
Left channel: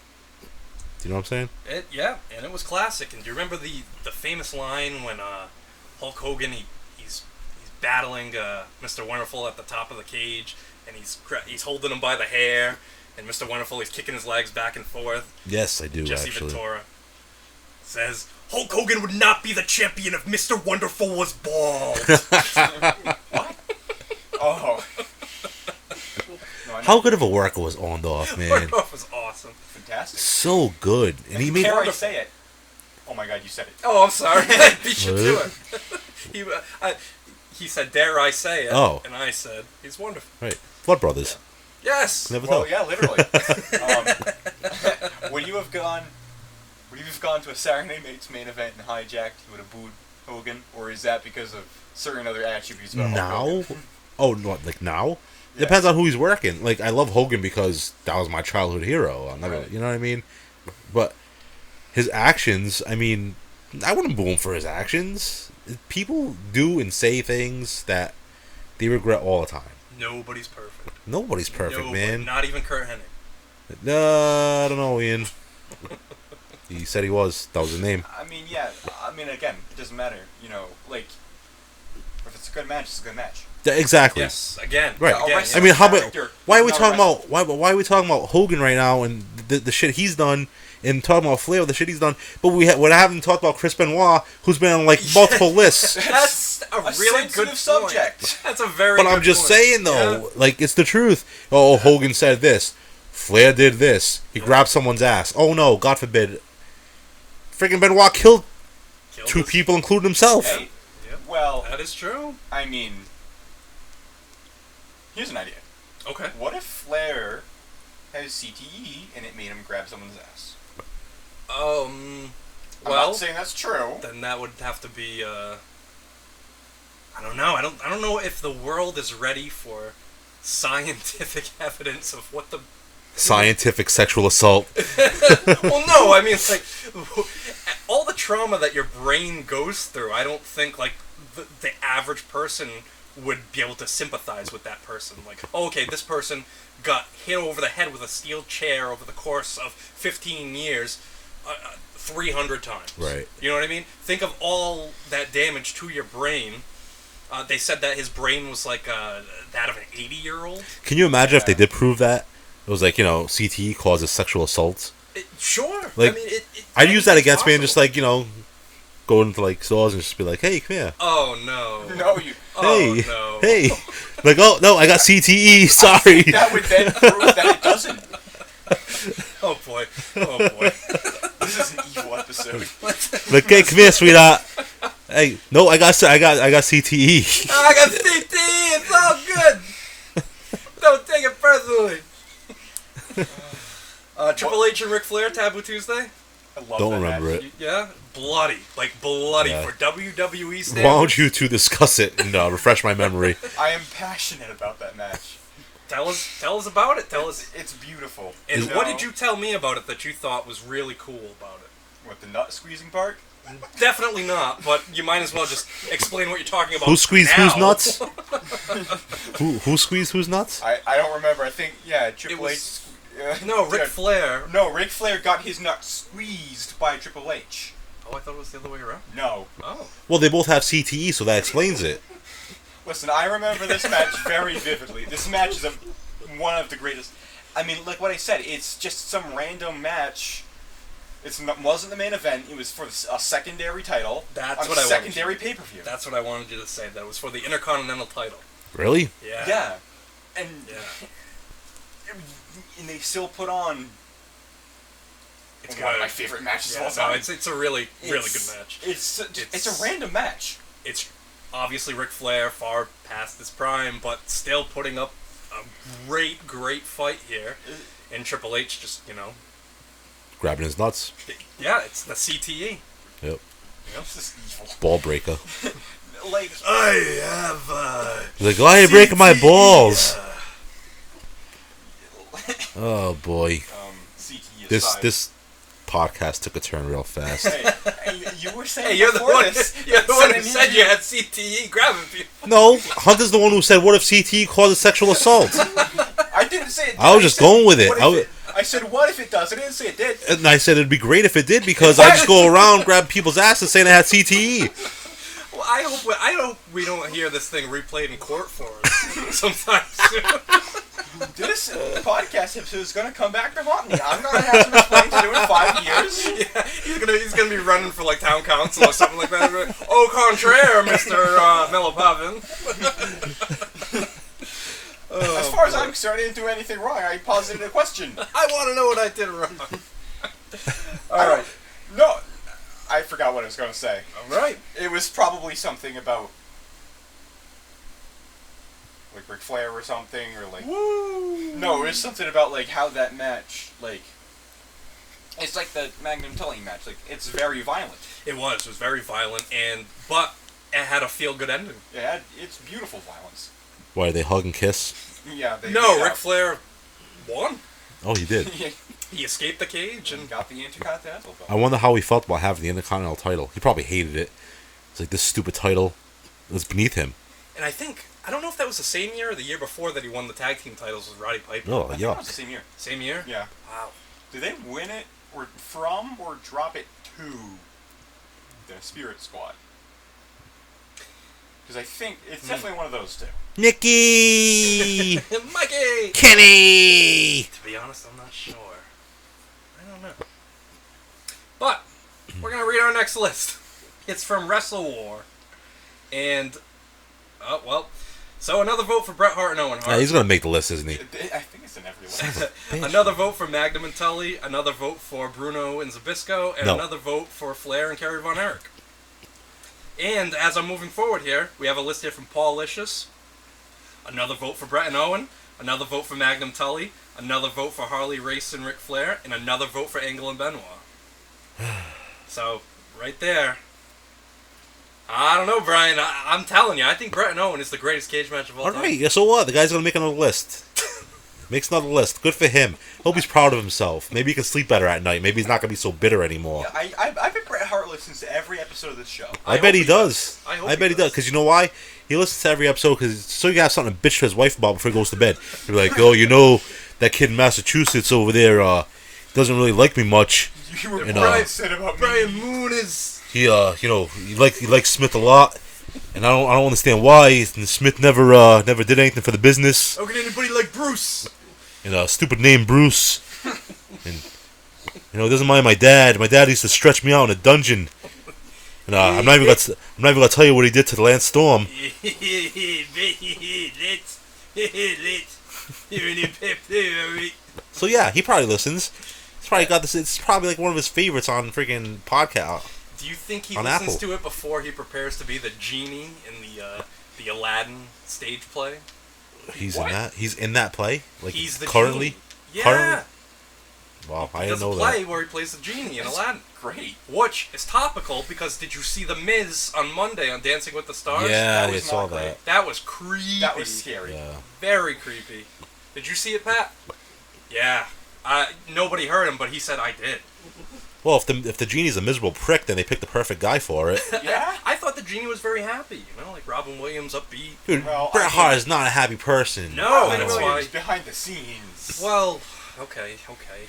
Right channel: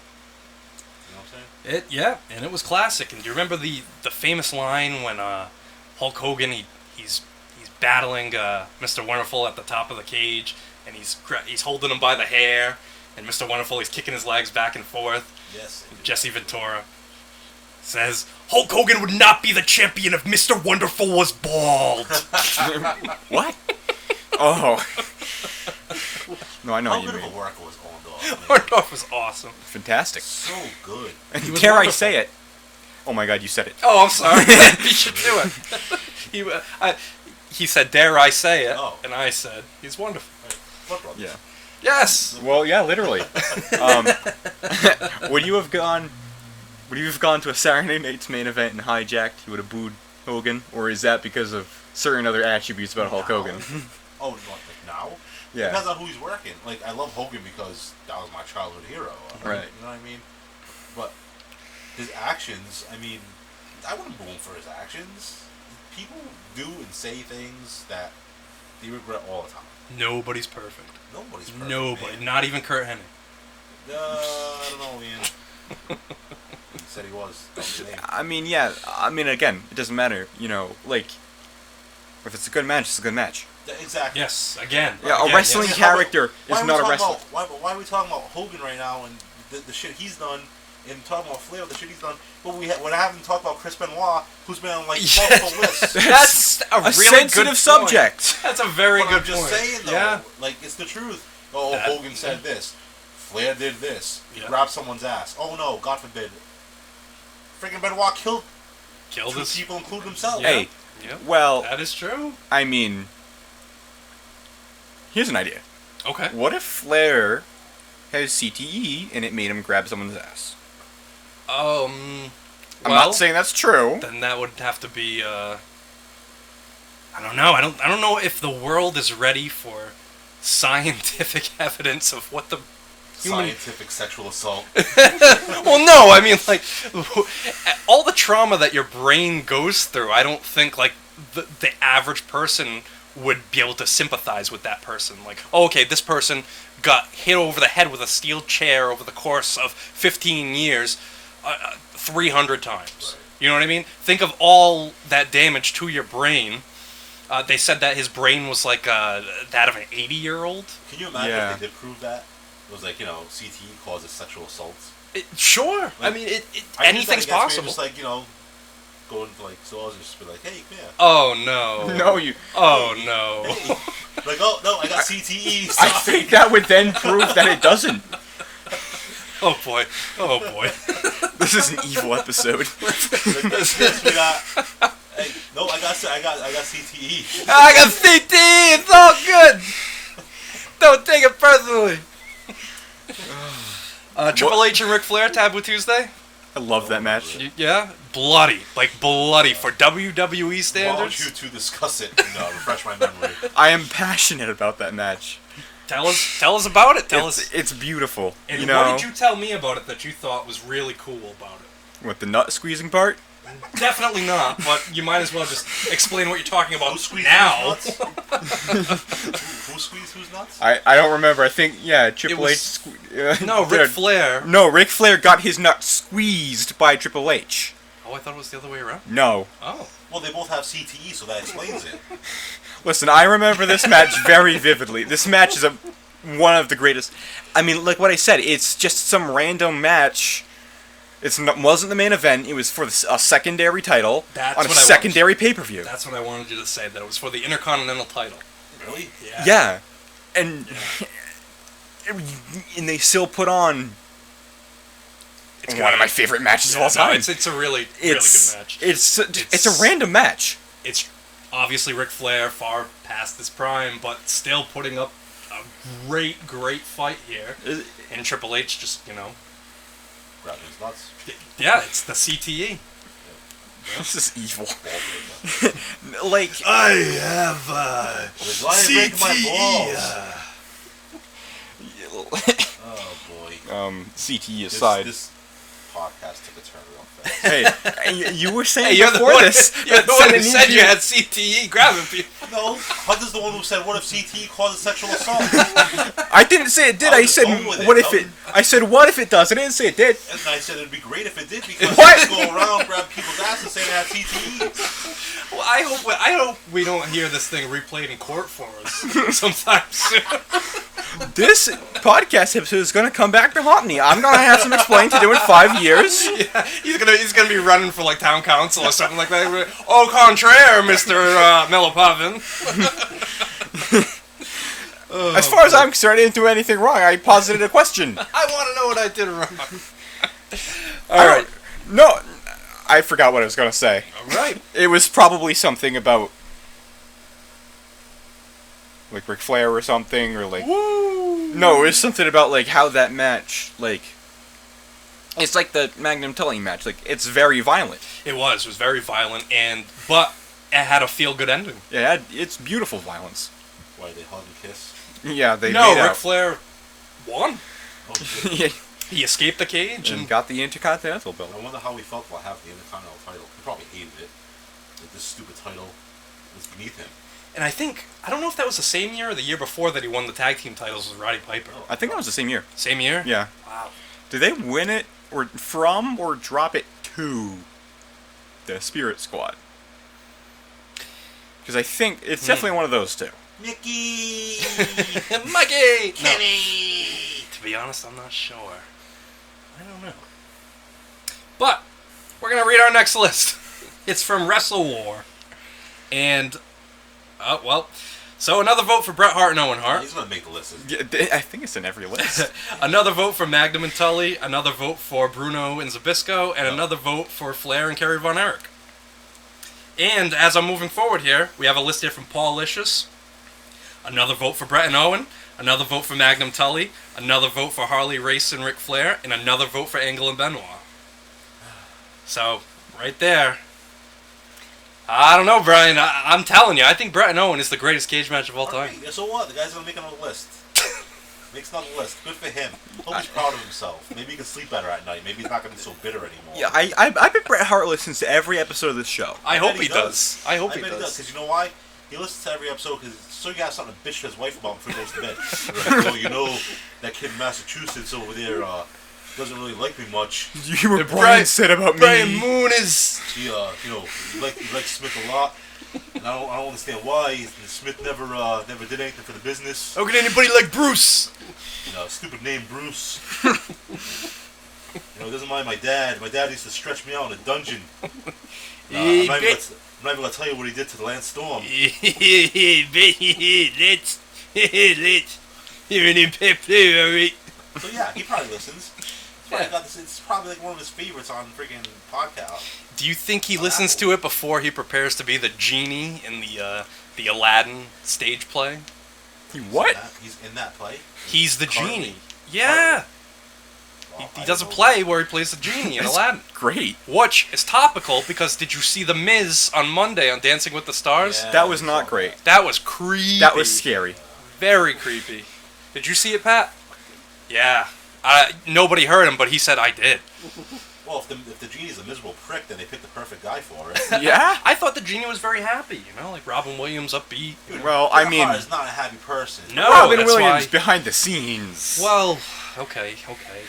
do you know what I'm saying? And it was classic. And do you remember the famous line when Hulk Hogan he's battling Mr. Wonderful at the top of the cage, and he's holding him by the hair, and Mr. Wonderful he's kicking his legs back and forth. Yes, I do. Jesse actually. Ventura says Hulk Hogan would not be the champion if Mr. Wonderful was bald. What? Oh. No, I know. How good of a worker was Orndorff, man? Orndorff was awesome. Fantastic. So good. And he Dare I say it? Oh my God, you said it. Oh, I'm sorry. Beat you to it. He said, "Dare I say it?" Oh. And I said, "He's wonderful." Right. Blood Brothers. Yeah. Yes. Never Well, know. yeah, literally. Would you have gone to a Saturday night's main event and hijacked? You would have booed Hogan, or is that because of certain other attributes about Hulk Hogan? Oh, what, like now? Yeah. Depends on who he's working. Like, I love Hogan because that was my childhood hero. Right. You know what I mean? But his actions, I mean, I wouldn't boo him for his actions. People do and say things that they regret all the time. Nobody's perfect. Nobody's perfect, Nobody, man. not even Kurt Hennig. No, I don't know, Ian. He said he was. That was his name. I mean, yeah. I mean, again, it doesn't matter. Like, if it's a good match, it's a good match. Yeah, exactly. Yes, again. Right. A wrestling how about- character. Why are is we not a talking wrestler. about why are we talking about Hogan right now and the shit he's done, and talking about Flair the shit he's done, but we haven't talked about Chris Benoit, who's been on like multiple lists. That's a really sensitive good subject. Point. That's a very. But good I'm just point. saying though, Yeah. like it's the truth. Oh, Hogan said this, Flair did this. He grabbed someone's ass. Oh no, God forbid. Freaking Benoit killed two people, including himself. Hey, Yep. well, That is true. I mean, here's an idea. Okay. What if Flair has CTE and it made him grab someone's ass? I'm not saying that's true. Then that would have to be. I don't know. I don't know if the world is ready for scientific evidence of what the. Scientific sexual assault. Well, no. I mean, like, all the trauma that your brain goes through. I don't think like the average person would be able to sympathize with that person. Like, oh, okay, this person got hit over the head with a steel chair over the course of 15 years. 300 times. Right. You know what I mean? Think of all that damage to your brain. They said that his brain was like that of an 80-year-old. Can you imagine if Yeah. they did prove that? It was like, CTE causes sexual assaults. Sure. Like, I mean, I use that anything's against me and possible. just like, go into like stores and just be like, "Hey, come here." Oh no. No, you. Oh Hey, no. Hey, like, oh no, I got CTE. Sorry. That would then prove that it doesn't. Oh boy. Oh boy. This is an evil episode. Like, hey, come here, sweetheart. Hey, no, I got CTE. I got CT. It's all good. Don't take it personally. Triple H and Ric Flair, Taboo Tuesday. I love Don't that match. remember it. Yeah, bloody, like bloody Yeah. for WWE standards. Why don't you two discuss it and refresh my memory? I am passionate about that match. Tell us about it. Tell us. It's beautiful. And you know, what did you tell me about it that you thought was really cool about it? What, the nut squeezing part? Definitely not, but you might as well just explain what you're talking about. Who squeezed now. whose nuts? who squeezed whose nuts? I don't remember. I think, yeah, Triple was- H. No, Ric Flair. No, Ric Flair got his nut squeezed by Triple H. Oh, I thought it was the other way around. No. Oh. Well, they both have CTE, so that explains it. Listen, I remember this match very vividly. This match is one of the greatest. I mean, like what I said, it's just some random match. Wasn't the main event. It was for a secondary title That's on a what I secondary pay-per-view. That's what I wanted you to say. That it was for the Intercontinental title. Really? Yeah. Yeah, and and they still put on It's one of my favorite matches of all time. It's a really good match. It's a random match. It's obviously Ric Flair far past his prime, but still putting up a great fight here. And Triple H just, Grabbing his nuts. yeah, it's the CTE. Yep. This is evil. Ball breaker. Like I have Like, why are you breaking my balls? Oh boy. CTE aside. This podcast took a turn real fast. Hey, you were saying you're the before one, this. you're the one who said Sanity- you had CTE grabbing people. No, Hunter's the one who said, "What if CTE causes sexual assault?" I didn't say it did. I was just said, going with it. What if I said, what if it does? I didn't say it did. And I said it'd be great if it did because I just go around grab people's asses saying I had CTE. Well, I hope we don't hear this thing replayed in court for us sometime soon. This podcast episode is going to come back to haunt me. I'm going to have some explaining to do in 5 years. Yeah, he's gonna be running for like town council or something like that. Au contraire, Mr. Mellopavin. As far as I'm concerned, I didn't do anything wrong. I posited a question. I want to know what I did wrong. All right. No, I forgot what I was going to say. All right. It was probably something about like Ric Flair or something, or like no, it was something about like how that match, like it's like the Magnum Tully match, like it's very violent. It was very violent, but it had a feel-good ending. Yeah, it's beautiful violence. Why, they hug and kiss? Yeah, they No, made Ric out. Flair won. Oh, he did. Yeah, He escaped the cage and and got the Intercontinental belt. I wonder how he felt about having the Intercontinental title. He probably hated it. It's like, this stupid title was beneath him. I don't know if that was the same year or the year before that he won the tag team titles with Roddy Piper. Oh, I think that was the same year. Same year? Yeah. Wow. Did they win it or drop it to the Spirit Squad? Because I think it's definitely one of those two. Nikki! Mikey! Kenny! To be honest, I'm not sure. I don't know. But, we're going to read our next list. It's from Wrestle War. And, so another vote for Bret Hart and Owen Hart. He's going to make the list, isn't he? I think it's in every list. Another vote for Magnum and Tully. Another vote for Bruno and Zabisco. And No. another vote for Flair and Kerry Von Erich. And as I'm moving forward here, we have a list here from Paul Licious. Another vote for Bret and Owen. Another vote for Magnum Tully. Another vote for Harley Race and Ric Flair. And another vote for Angle and Benoit. So, right there. I don't know, Brian. I'm telling you, I think Bret and Owen is the greatest cage match of all time. Alright, yeah, so what? The guy's going to make another list. Makes another list. Good for him. Hope he's proud of himself. Maybe he can sleep better at night. Maybe he's not going to be so bitter anymore. Yeah, I bet Bret Hart listens to every episode of this show. I bet he does. I hope I bet he does. Because you know why? He listens to every episode because so you have something to bitch to his wife about before he goes to bed. He'll be like, oh, that kid in Massachusetts over there doesn't really like me much. You were Brian said about me. Brian Moon is... He he likes Smith a lot, and I don't understand why. Smith never did anything for the business. How can anybody like Bruce? And stupid name Bruce. And, he doesn't mind my dad. My dad used to stretch me out in a dungeon. No, I'm not even gonna tell you what he did to Lance Storm. So yeah, he probably listens. He's probably got this. It's probably like one of his favorites on freaking podcast. Do you think he On listens Apple. to it before he prepares to be the genie in the Aladdin stage play? He's What? In that? He's in that play. Like, He's the currently? genie. Yeah. Currently? Wow, I He does a didn't know play that. where he plays the genie in That's Aladdin. Great. Which is topical because did you see The Miz on Monday on Dancing with the Stars? Yeah, That I was saw not great. That was creepy. That was scary. Yeah. Very creepy. Did you see it, Pat? Yeah. Nobody heard him, but he said I did. Well, if the genie's a miserable prick, then they picked the perfect guy for it. Yeah? I thought the genie was very happy, you know, like Robin Williams upbeat. Dude, Well, Bret I mean- Hart is not a happy person. No, Robin that's Williams why. behind the scenes. Well, okay.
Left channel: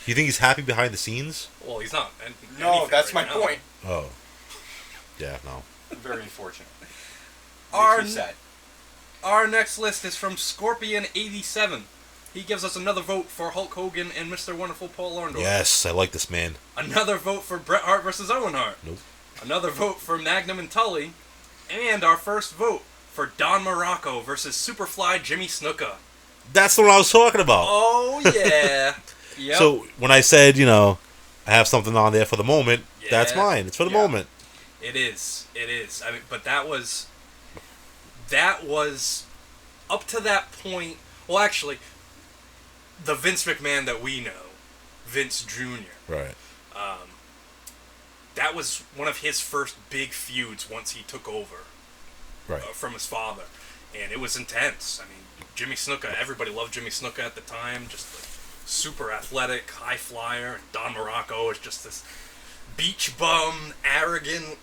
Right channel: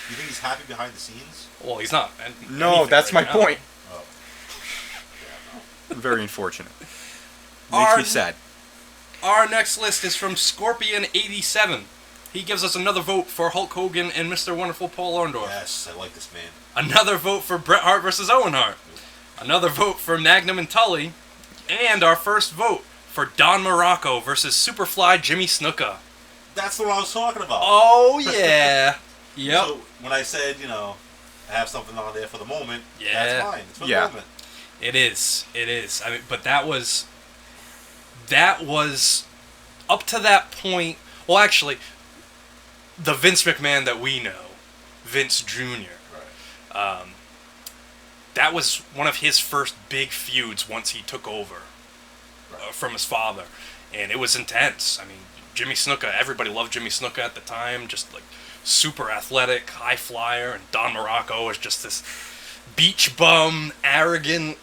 You think he's happy behind the scenes? Well, he's not. No, anything that's right my now. point. Oh. Yeah, no. Very unfortunate. Our- Makes me sad. Our next list is from Scorpion87. He gives us another vote for Hulk Hogan and Mr. Wonderful Paul Orndorff. Yes, I like this man. Another vote for Bret Hart versus Owen Hart. Nope. Another vote for Magnum and Tully. And our first vote for Don Morocco versus Superfly Jimmy Snuka. That's the one I was talking about. Oh, yeah. Yep. So, when I said, I have something on there for the moment, that's Yeah. fine. It's for the Yeah. moment. It is. I mean, but that was up to that point. Well, actually, the Vince McMahon that we know, Vince Jr. Right. That was one of his first big feuds once he took over Right. from his father, and it was intense. I mean, Jimmy Snuka, everybody loved Jimmy Snuka at the time, just like super athletic, high flyer, and Don Morocco is just this beach bum, arrogant,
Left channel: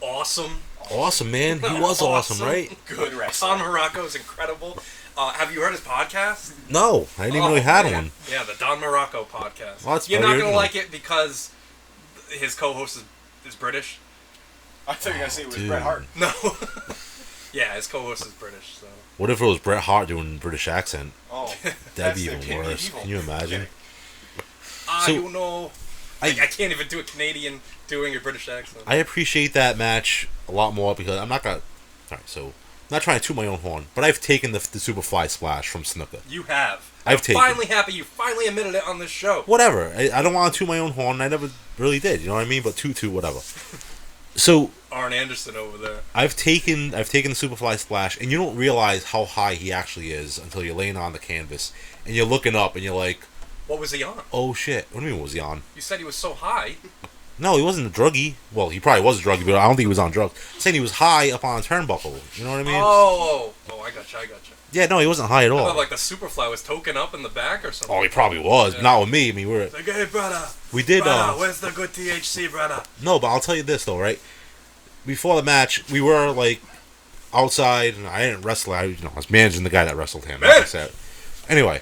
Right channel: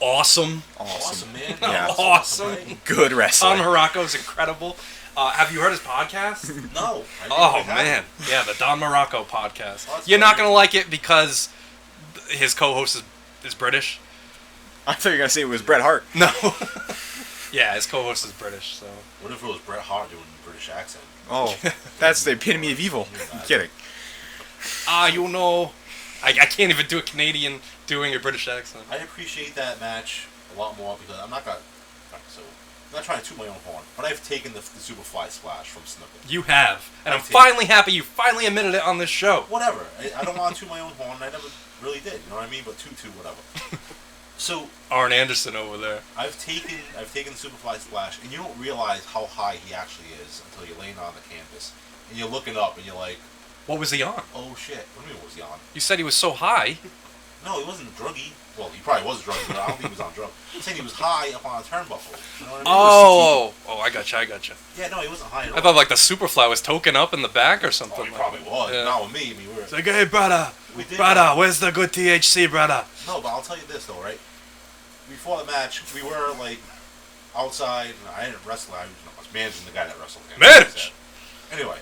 awesome. Awesome, man. He was Awesome. awesome, right? Good Don wrestling. Morocco is incredible. Have you heard his podcast? No, I didn't know he had man. one. Yeah, the Don Morocco podcast. Well, that's You're not very gonna good. like it because his co-host is British. I thought you were going to say it was Dude. Bret Hart. No. Yeah, his co-host is British. So. What if it was Bret Hart doing a British accent? Oh, That'd that's be the even epitome of worse. evil. Can you imagine? Kidding. Ah, So- you know. I can't even do a Canadian doing a British accent. I appreciate that match a lot more because I'm not gonna. Alright, so I'm not trying to toot my own horn, but I've taken the Superfly splash from Snuka. You have. I've I'm taken finally happy you finally admitted it on this show. Whatever. I don't want to toot my own horn. I never really did. You know what I mean? But toot, whatever. So Arn Anderson over there. I've taken the Superfly splash, and you don't realize how high he actually is until you're laying on the canvas and you're looking up and you're like, What was he on? oh shit. What do you mean? What was he on? You said he was so high. No, he wasn't a druggie. Well, he probably was a druggie, but I don't think he was on drugs. I'm saying he was high up on a turnbuckle. You know what I mean? Oh, I gotcha. Yeah, no, he wasn't high at all. I thought like the Superfly was token up in the back or something. Oh, he probably was. Yeah. Not with me. I mean, It's like, hey, brother. we did. Brother, where's the good THC, brother? No, but I'll tell you this though, right? Before the match, we were like outside, and I didn't wrestle. I was managing the guy that wrestled him. like I Manage! said. Anyway,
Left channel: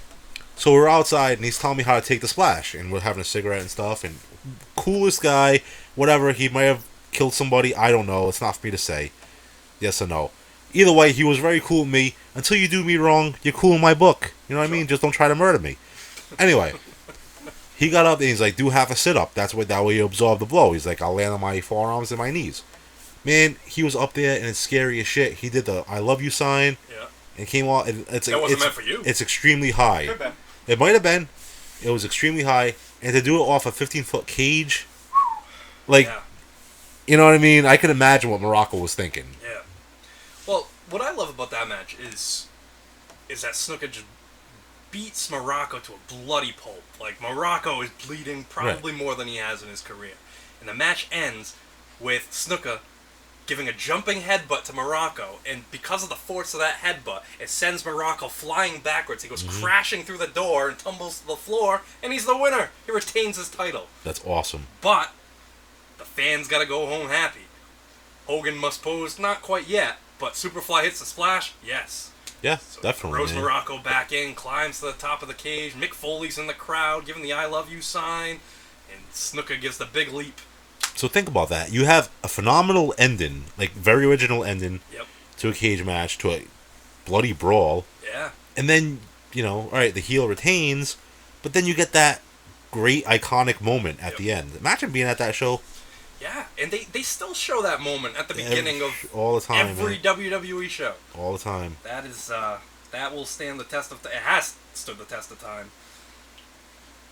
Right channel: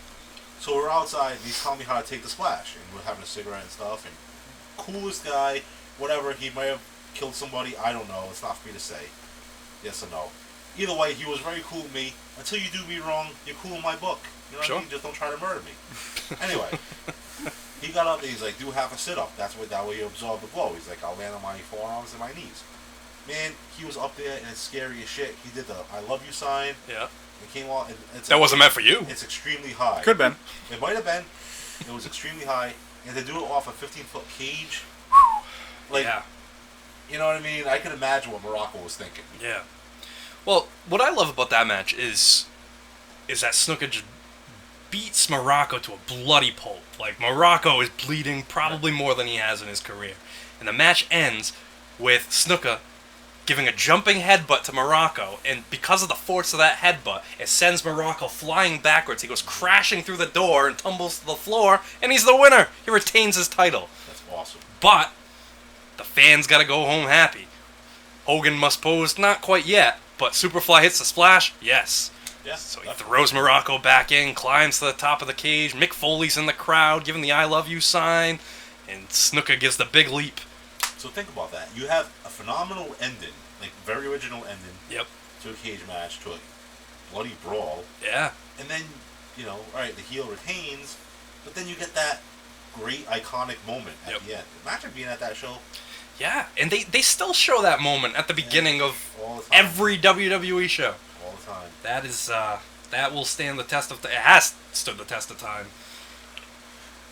so we're outside, and he's telling me how to take the splash, and we're having a cigarette and stuff. And coolest guy, whatever. He might have killed somebody. I don't know. It's not for me to say. Yes or no. Either way, he was very cool with me. Until you do me wrong, you're cool in my book. You know what I mean? Just don't try to murder me. Anyway. He got up and he's like, do half a sit-up. That way you absorb the blow. He's like, I'll land on my forearms and my knees. Man, he was up there and it's scary as shit. He did the I love you sign. Yeah. And came off. That wasn't meant for you. It's extremely high. Could have been. It might have been. It was extremely high. And to do it off a 15-foot cage, like, Yeah. you know what I mean? I can imagine what Morocco was thinking. Yeah. Well, what I love about that match is that Snuka just beats Morocco to a bloody pulp. Like, Morocco is bleeding probably more than he has in his career. And the match ends with Snuka giving a jumping headbutt to Morocco, and because of the force of that headbutt, it sends Morocco flying backwards. He goes crashing through the door and tumbles to the floor, and he's the winner. He retains his title. That's awesome. But the fans gotta go home happy. Hogan must pose, not quite yet, but Superfly hits the splash, yes. Yeah, So he definitely. throws man. Morocco back in, climbs to the top of the cage. Mick Foley's in the crowd, giving the I love you sign, and Snuka gives the big leap. So think about that. You have a phenomenal ending, like very original ending Yep. to a cage match, to a bloody brawl. Yeah. And then, all right, the heel retains, but then you get that great iconic moment at Yep. the end. Imagine being at that show. Yeah, and they still show that moment at the beginning of all the time, every WWE show. All the time. That is that will stand the test of it has stood the test of time.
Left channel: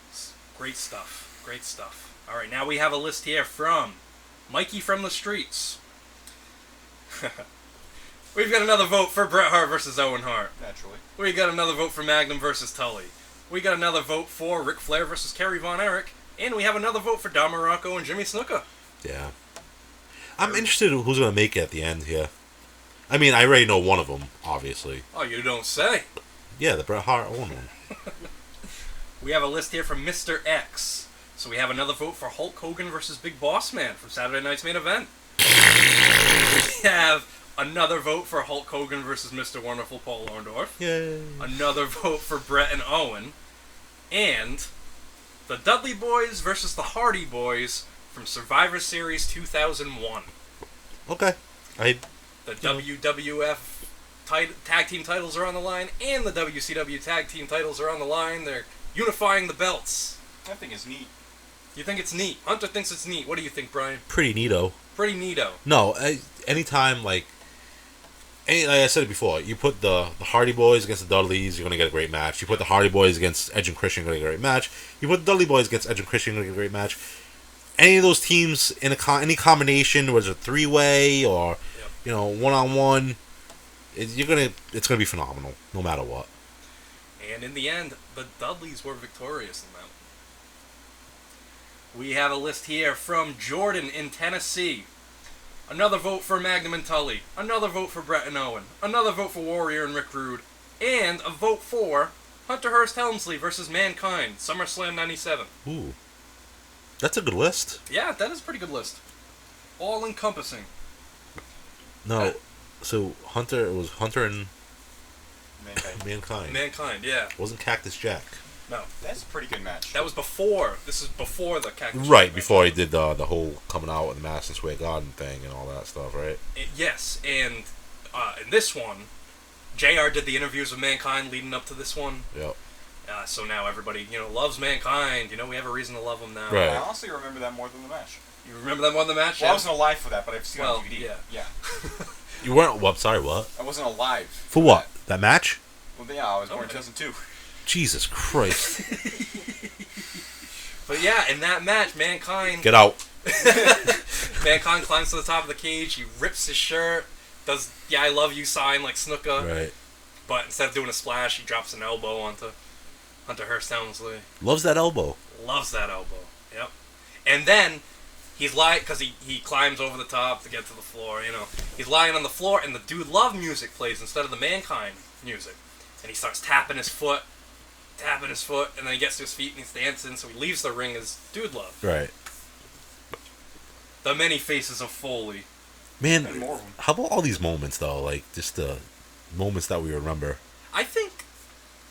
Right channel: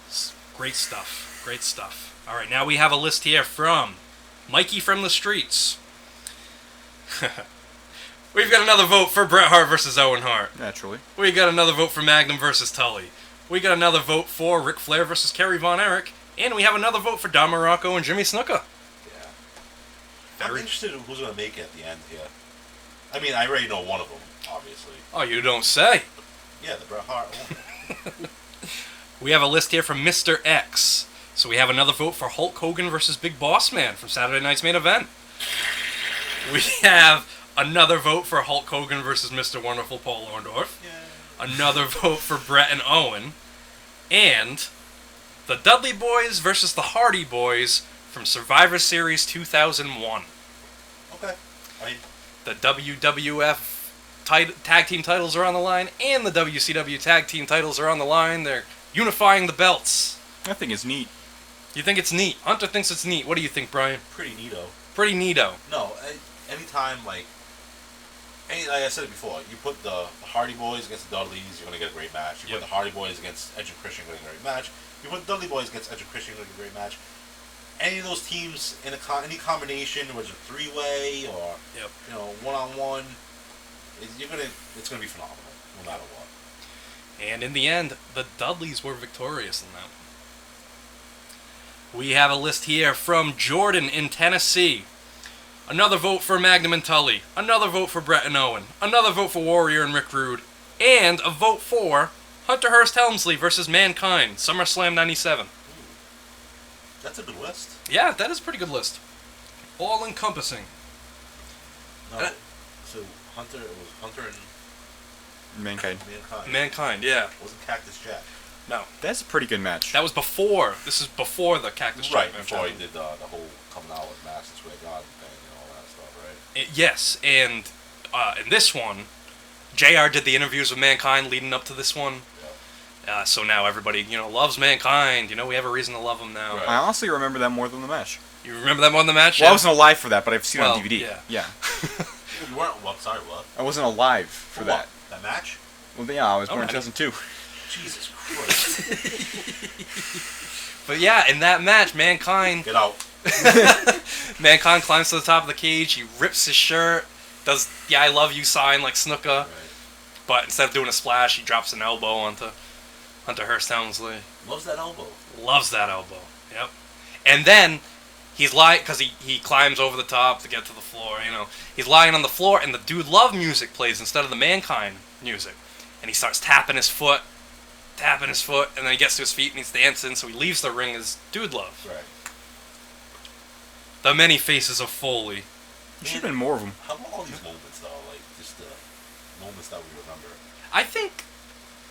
It's great stuff. Great stuff. All right, now we have a list here from Mikey from the Streets. We've got another vote for Bret Hart versus Owen Hart. Naturally. We got another vote for Magnum versus Tully. We got another vote for Ric Flair versus Kerry Von Erich. And we have another vote for Don Morocco and Jimmy Snuka. Yeah. I'm interested in who's going to make it at the end here. I mean, I already know one of them, obviously. Oh, you don't say. Yeah, the Bret Hart owner. We have a list here from Mr. X. So we have another vote for Hulk Hogan versus Big Boss Man from Saturday Night's Main Event. We have another vote for Hulk Hogan versus Mr. Wonderful Paul Orndorff. Yay. Another vote for Bret and Owen. And the Dudley Boys versus the Hardy Boys from Survivor Series 2001. Okay. The WWF tag team titles are on the line, and the WCW tag team titles are on the line. They're unifying the belts. I think it's neat. You think it's neat? Hunter thinks it's neat. What do you think, Brian? Pretty neato. Pretty neato. No, anytime, like I said it before, you put the Hardy Boys against the Dudleys, you're going to get a great match. You put the Hardy Boys against Edge and Christian, you're going to get a great match. You put the Dudley Boys against Edge and Christian, you're going to get a great match. Any of those teams in any combination, whether it's a three-way or one-on-one, it's gonna be phenomenal, no matter what. And in the end, the Dudleys were victorious in that. We have a list here from Jordan in Tennessee. Another vote for Magnum and Tully. Another vote for Bret and Owen. Another vote for Warrior and Rick Rude. And a vote for Hunter Hearst Helmsley versus Mankind, SummerSlam 97. Ooh. That's a good list. Yeah, that is a pretty good list. All encompassing. No, so it was Hunter and Mankind. Mankind, yeah. It wasn't Cactus Jack. No. That's a pretty good match. That was before. This is before the Cactus Jack Right, match. before he did the whole coming out and Madison Square Garden thing and all that stuff, right? Yes, and in this one, JR did the interviews with Mankind leading up to this one. Yep. So now everybody, loves Mankind. We have a reason to love him now. Right. I honestly remember that more than the match. You remember that more than the match? Well, Yeah? I wasn't alive for that, but I've seen it on DVD. Yeah. You weren't. Well, sorry, what? I wasn't alive. For what? That match? Well, yeah, I was born in 2002. Jesus Christ. But yeah, in that match, Mankind... Get out. Mankind climbs to the top of the cage, he rips his shirt, does the I love you sign like Snuka. Right. But instead of doing a splash, he drops an elbow onto Hunter Hearst Helmsley. Loves that elbow. Loves that elbow. Yep. And then he's lying, because he climbs over the top to get to the floor, He's lying on the floor, and the Dude Love music plays instead of the Mankind music. And he starts tapping his foot, and then he gets to his feet and he's dancing, so he leaves the ring as Dude Love. Right. The many faces of Foley. Man, been more of them. How about all these moments, though? Like, just the moments that we remember. I think,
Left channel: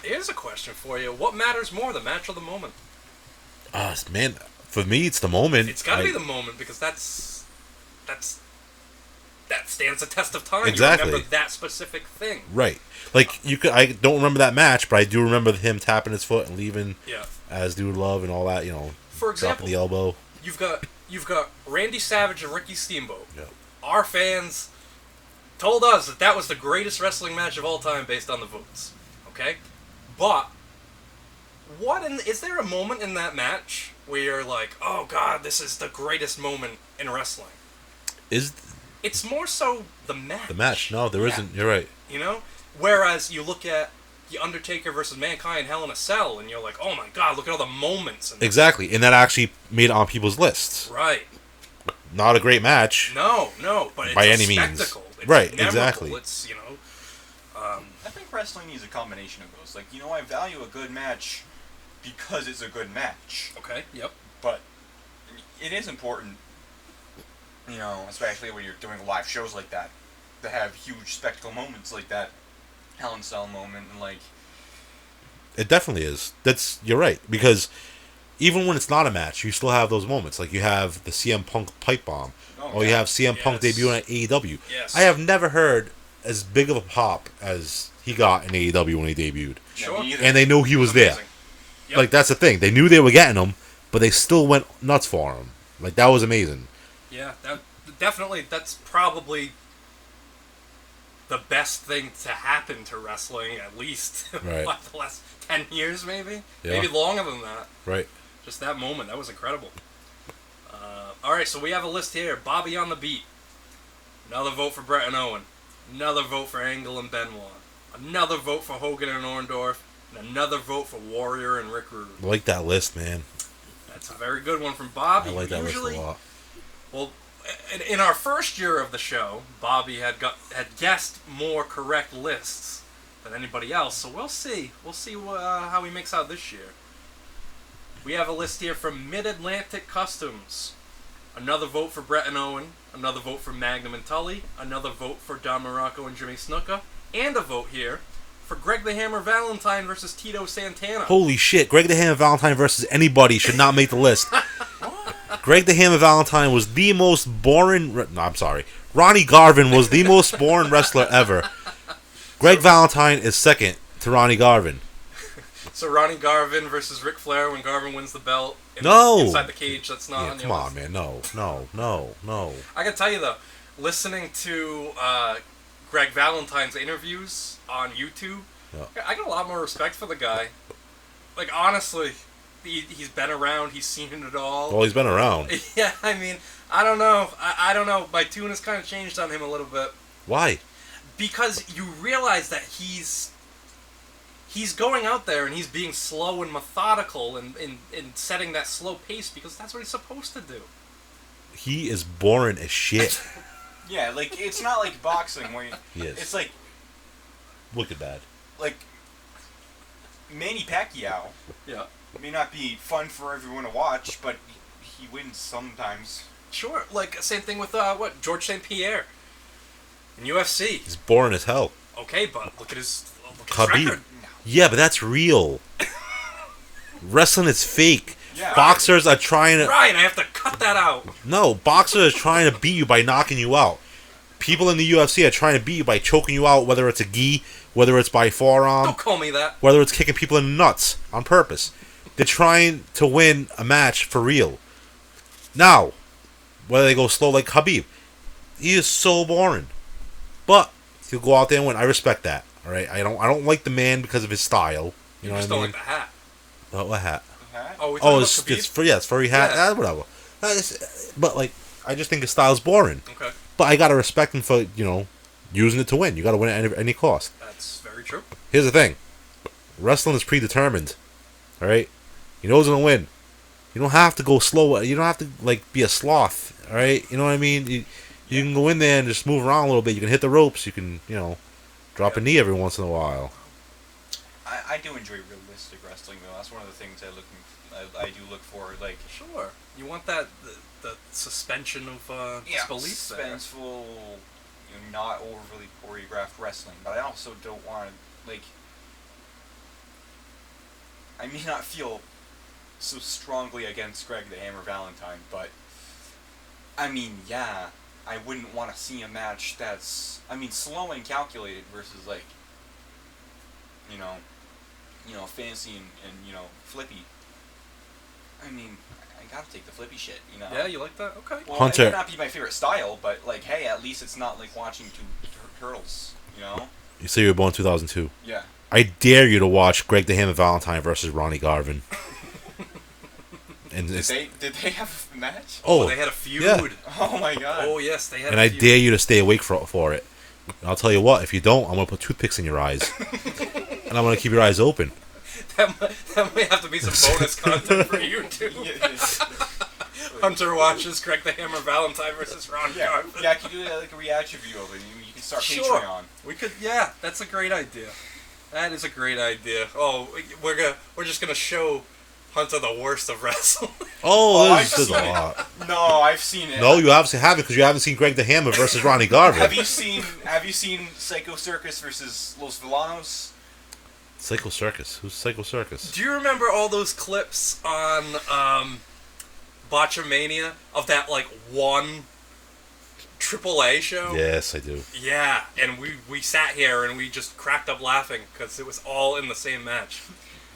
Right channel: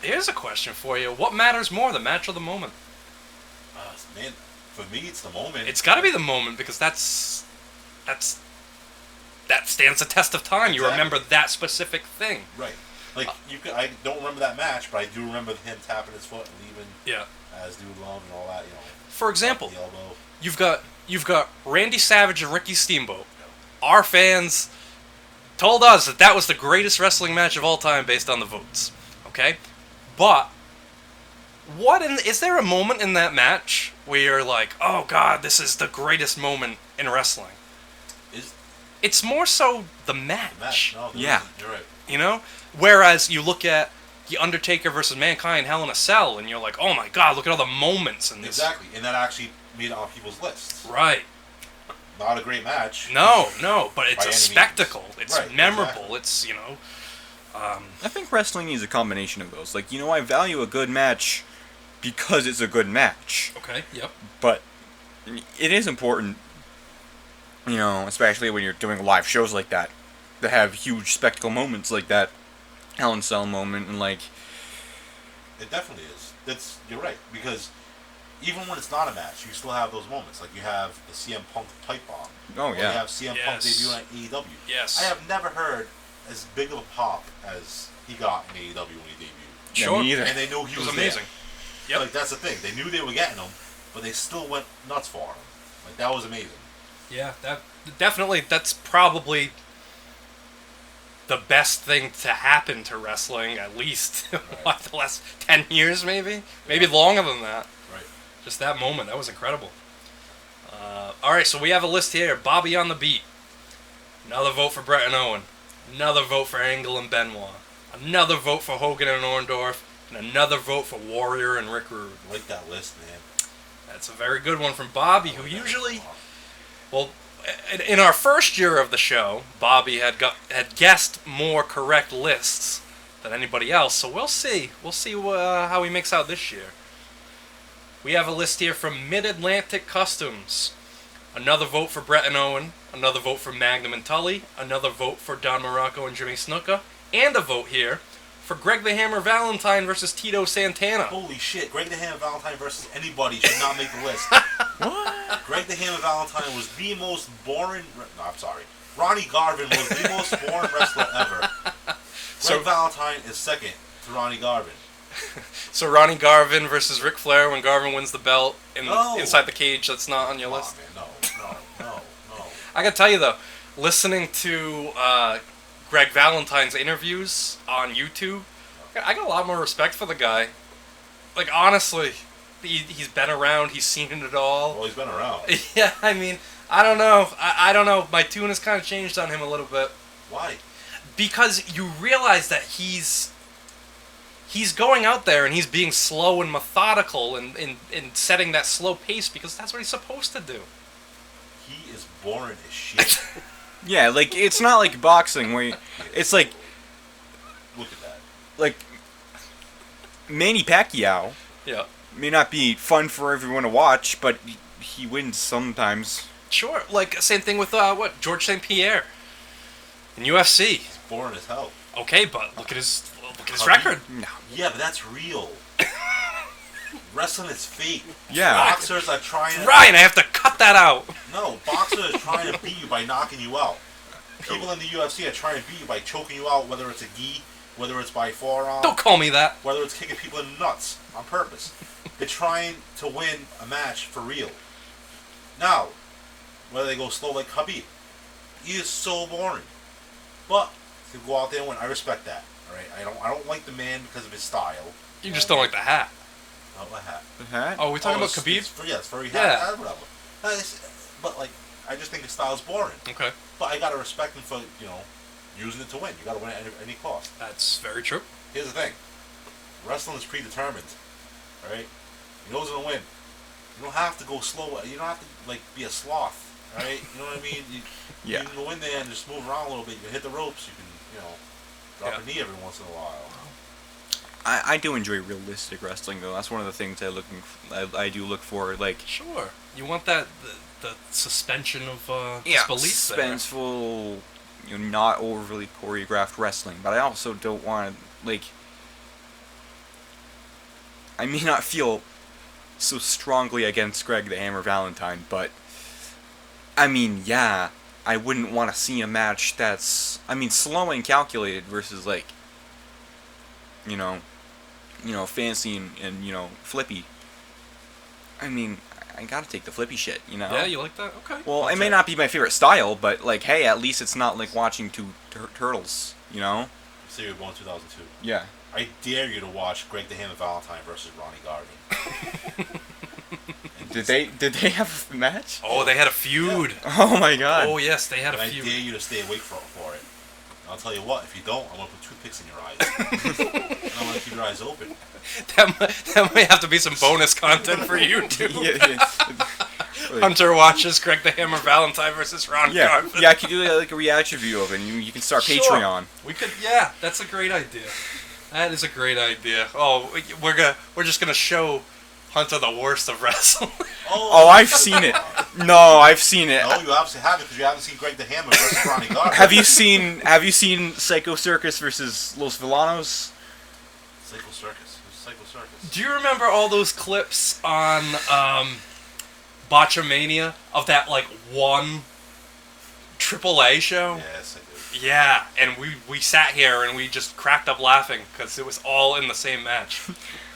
here's a question for you. What matters more, the match or the moment? Man, for me, it's the moment. It's got to be the moment, because that stands the test of time. Exactly. You remember that specific thing. Right. Like, I don't remember that match, but I do remember him tapping his foot and leaving as Dude Love and all that, For example, the elbow. You've got Randy Savage and Ricky Steamboat. Yeah. Our fans told us that was the greatest wrestling match of all time based on the votes. Okay? But is there a moment in that match where you're like, oh god, this is the greatest moment in wrestling? It's more so the match. The match. No, there isn't. You're right. Whereas you look at the Undertaker versus Mankind Hell in a Cell, and you're like, oh my god, look at all the moments in this. Exactly, and that actually made it on people's lists. Right. Not a great match. No, but it's by a any spectacle. Means. It's right, memorable. exactly. It's, I think wrestling needs a combination of those. Like, I value a good match because it's a good match. Okay, yep. But it is important, especially when you're doing live shows like that, to have huge spectacle moments like that Hell in a Cell moment, and like... It definitely is. You're right, because even when it's not a match, you still have those moments. Like, you have the CM Punk pipe bomb. Oh, or you have CM Punk debuting at AEW. Yes. I have never heard as big of a pop as he got in AEW when he debuted. Sure. Me either. And they knew he was there. Amazing. Yep. Like, that's the thing. They knew they were getting him, but they still went nuts for him. Like, that was amazing. Yeah, definitely, that's probably the best thing to happen to wrestling, at least Right. what, the last 10 years, maybe? Yeah. Maybe longer than that. Right. Just that moment, that was incredible. Alright, so we have a list here. Bobby on the beat. Another vote for Bret and Owen. Another vote for Angle and Benoit. Another vote for Hogan and Orndorff. And another vote for Warrior and Rick Rude. I like that list, man. That's a very good one from Bobby, I like who that usually... list a lot. Well, in our first year of the show, Bobby had guessed more correct lists than anybody else, so we'll see. We'll see how he makes out this year. We have a list here from Mid-Atlantic Customs. Another vote for Bret and Owen. Another vote for Magnum and Tully. Another vote for Don Morocco and Jimmy Snuka. And a vote here for Greg the Hammer Valentine versus Tito Santana. Holy shit, Greg the Hammer Valentine versus anybody should not make the list. Greg the Hammer Valentine was the most boring... No, I'm sorry. Ronnie Garvin was the most boring wrestler ever. Greg Valentine is second to Ronnie Garvin. So Ronnie Garvin versus Ric Flair when Garvin wins the belt inside the cage. That's not on your list. Come on, man. No. I gotta tell you though, listening to Greg Valentine's interviews on YouTube, I got a lot more respect for the guy. Like honestly, he's been around. He's seen it all. Well, he's been around. Yeah, I mean, I don't know. I don't know. My tune has kind of changed on him a little bit. Why? Because you realize that he's going out there and he's being slow and methodical and setting that slow pace because that's what he's supposed to do. He is boring as shit. Yeah, like, it's not like boxing where it's like... Look at that. Like, Manny Pacquiao may not be fun for everyone to watch, but he wins sometimes. Sure, like, same thing with, George St. Pierre in UFC. He's boring as hell. Okay, but look at his Khabib. record. No. Yeah, but that's real. Wrestling is fake. Yeah. Boxers are trying to... Ryan, I have to cut that out. No, boxers are trying to beat you by knocking you out. People in the UFC are trying to beat you by choking you out, whether it's a gi, whether it's by forearm, Don't call me that. whether it's kicking people in the nuts on purpose. They're trying to win a match for real. Now, whether they go slow like Khabib, he is so boring. But he'll go out there and win. I respect that. All right, I don't like the man because of his style. You know just what don't I like the hat. mean? What hat? The hat? Oh, we talking about it's Khabib? it's furry hat. Yeah. Whatever. But like, I just think his style's boring. Okay, But I gotta respect him for using it to win. You gotta win at any cost. that's very true. Here's the thing: wrestling is predetermined. All right, you know who's gonna win. You don't have to go slow. You don't have to be a sloth. All right, you know what I mean. You can go in there and just move around a little bit. You can hit the ropes. You can drop a knee every once in a while. I do enjoy realistic wrestling, though. That's one of the things I do look for. Like, Sure, you want that the suspension of disbelief there. suspenseful, not overly choreographed wrestling. But I also don't want to, I may not feel so strongly against Greg the Hammer Valentine, but I mean, yeah, I wouldn't want to see a match that's, slow and calculated versus fancy and flippy. I gotta take the flippy shit, Yeah, you like that? Okay. Well, Hunter. it may not be my favorite style, but hey, at least it's not like watching two turtles, You say you were born in 2002. Yeah. I dare you to watch Greg the Hammer Valentine versus Ronnie Garvin. And Did they have a match? Oh, they had a feud. Yeah. Oh my god. Oh yes, they had And a I feud. dare you to stay awake for it. And I'll tell you what, if you don't, I'm going to put toothpicks in your eyes. And I'm going to keep your eyes open. That might have to be some bonus content for you too. Yeah. Hunter watches Greg the Hammer Valentine versus Ron Garvin. Yeah, I could do a reaction video of it, and you can start Sure. Patreon. We could, yeah, that's a great idea. That is a great idea. Oh, we're just gonna show Hunter the worst of wrestling. Oh, I've this is seen a it. lot. No, I've seen it. No, you obviously haven't because you haven't seen Greg the Hammer versus Ronnie Garvin. Have you seen Psycho Circus versus Los Villanos? Psycho Circus. Who's Psycho Circus? Do you remember all those clips on Botchamania of that one AAA show? Yes, I do. Yeah, and we sat here and we just cracked up laughing because it was all in the same match.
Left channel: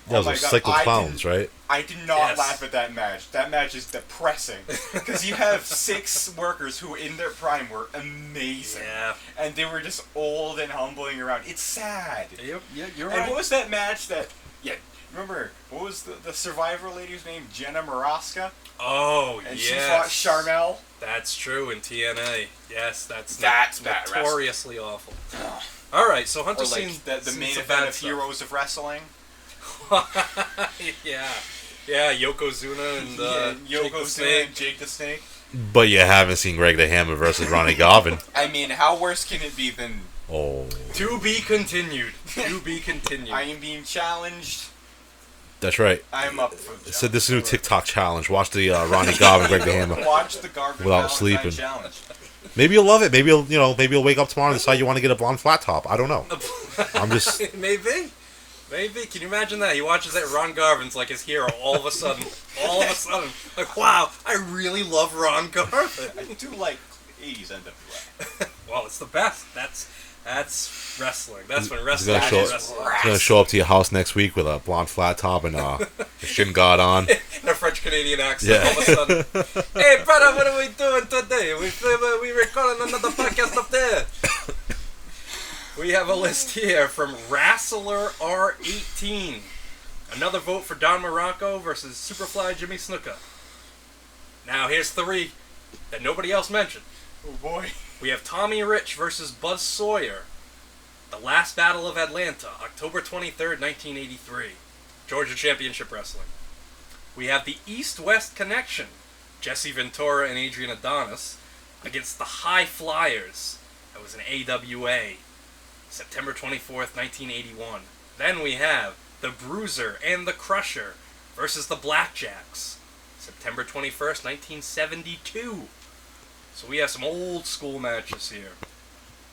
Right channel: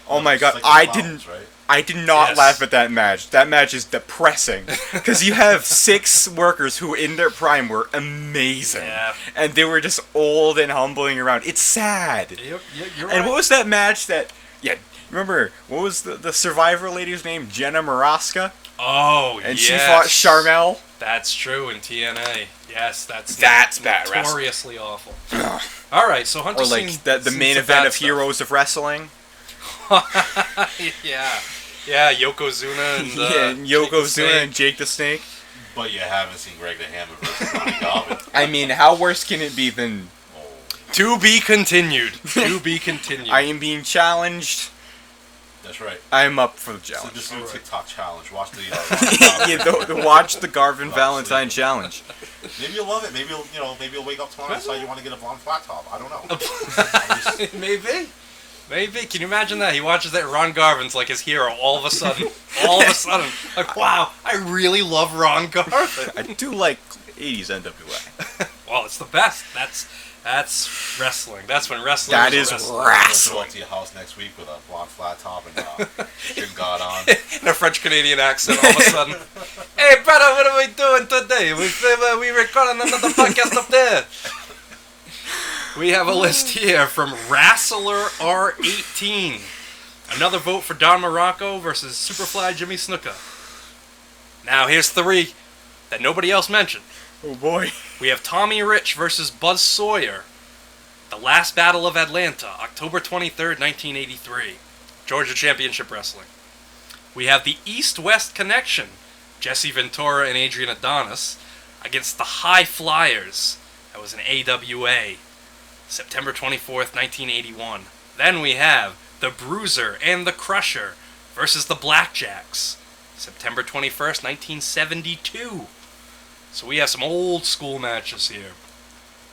Oh my god, I did not laugh at that match. That match is depressing. Because you have 6 workers who in their prime were amazing. Yeah. And they were just old and humbling around. It's sad. You're And right. what was that match that... Yeah, remember, what was the Survivor lady's name? Jenna Maraska? Oh, And she fought Charmel? That's true in TNA. Yes, that's bad notoriously awful. All right, so Hunter's Or like seen the seen main some event bad of stuff. Heroes of Wrestling. Yeah, Yokozuna and Jake the Yokozuna Snake. and Jake the Snake. But you haven't seen Greg the Hammer versus Ronnie Garvin. I mean, how worse can it be than... Oh, To be continued. To be continued. I am being challenged. that's right. I am up for the challenge. So this new TikTok challenge. Watch the Ronnie Garvin Greg the Hammer. Watch the Garvin Without Valentine sleeping. challenge. Maybe you'll love it. Maybe you'll wake up tomorrow and decide you want to get a blonde flat top. I don't know. I'm just... Maybe. Can you imagine that? He watches that. Ron Garvin's like his hero all of a sudden. Like, wow, I really love Ron Garvin. I do like 80s NWA. Well, it's the best. That's wrestling. That's when wrestling That is is wrestling. I'm gonna show up to your house next week with a blonde flat top and shin guard on. In a French-Canadian accent all of a sudden. Hey, brother, what are we doing today? We recording another podcast up there. We have a list here from Wrestler R18. Another vote for Don Morocco versus Superfly Jimmy Snuka. Now, here's 3 that nobody else mentioned. Oh boy. We have Tommy Rich versus Buzz Sawyer. The Last Battle of Atlanta, October 23rd, 1983. Georgia Championship Wrestling. We have the East-West Connection, Jesse Ventura and Adrian Adonis, against the High Flyers. That was an AWA. September 24th, 1981. Then we have the Bruiser and the Crusher versus the Blackjacks. September 21st, 1972. So we have some old school matches here.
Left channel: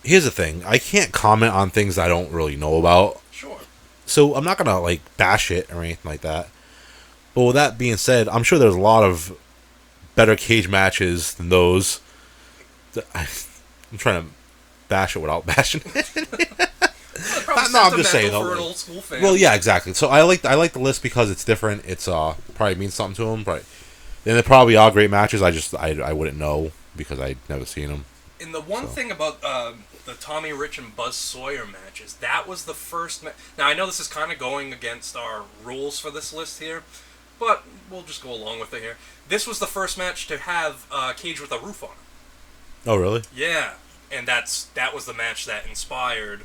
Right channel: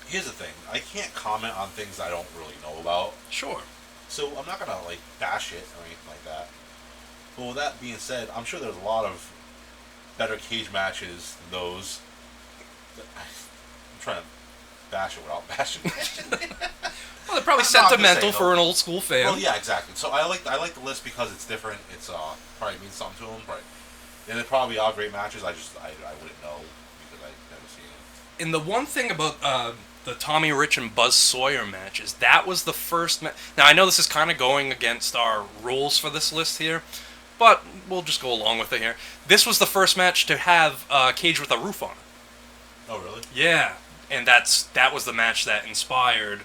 Here's the thing. I can't comment on things I don't really know about. Sure. So I'm not going to bash it or anything like that. But with that being said, I'm sure there's a lot of better cage matches than those. I'm trying to bash it without bashing it. Well, probably No, I'm just sentimental saying, for an old school fan. Well, yeah, exactly. So I like the list because it's different. It's probably means something to them, but then there probably are great matches. I wouldn't know because I'd never seen them. And the one thing about the Tommy Rich and Buzz Sawyer matches, that was the first Now, I know this is kind of going against our rules for this list here, but we'll just go along with it here. This was the first match to have a cage with a roof on it. Oh, really? Yeah, and that was the match that inspired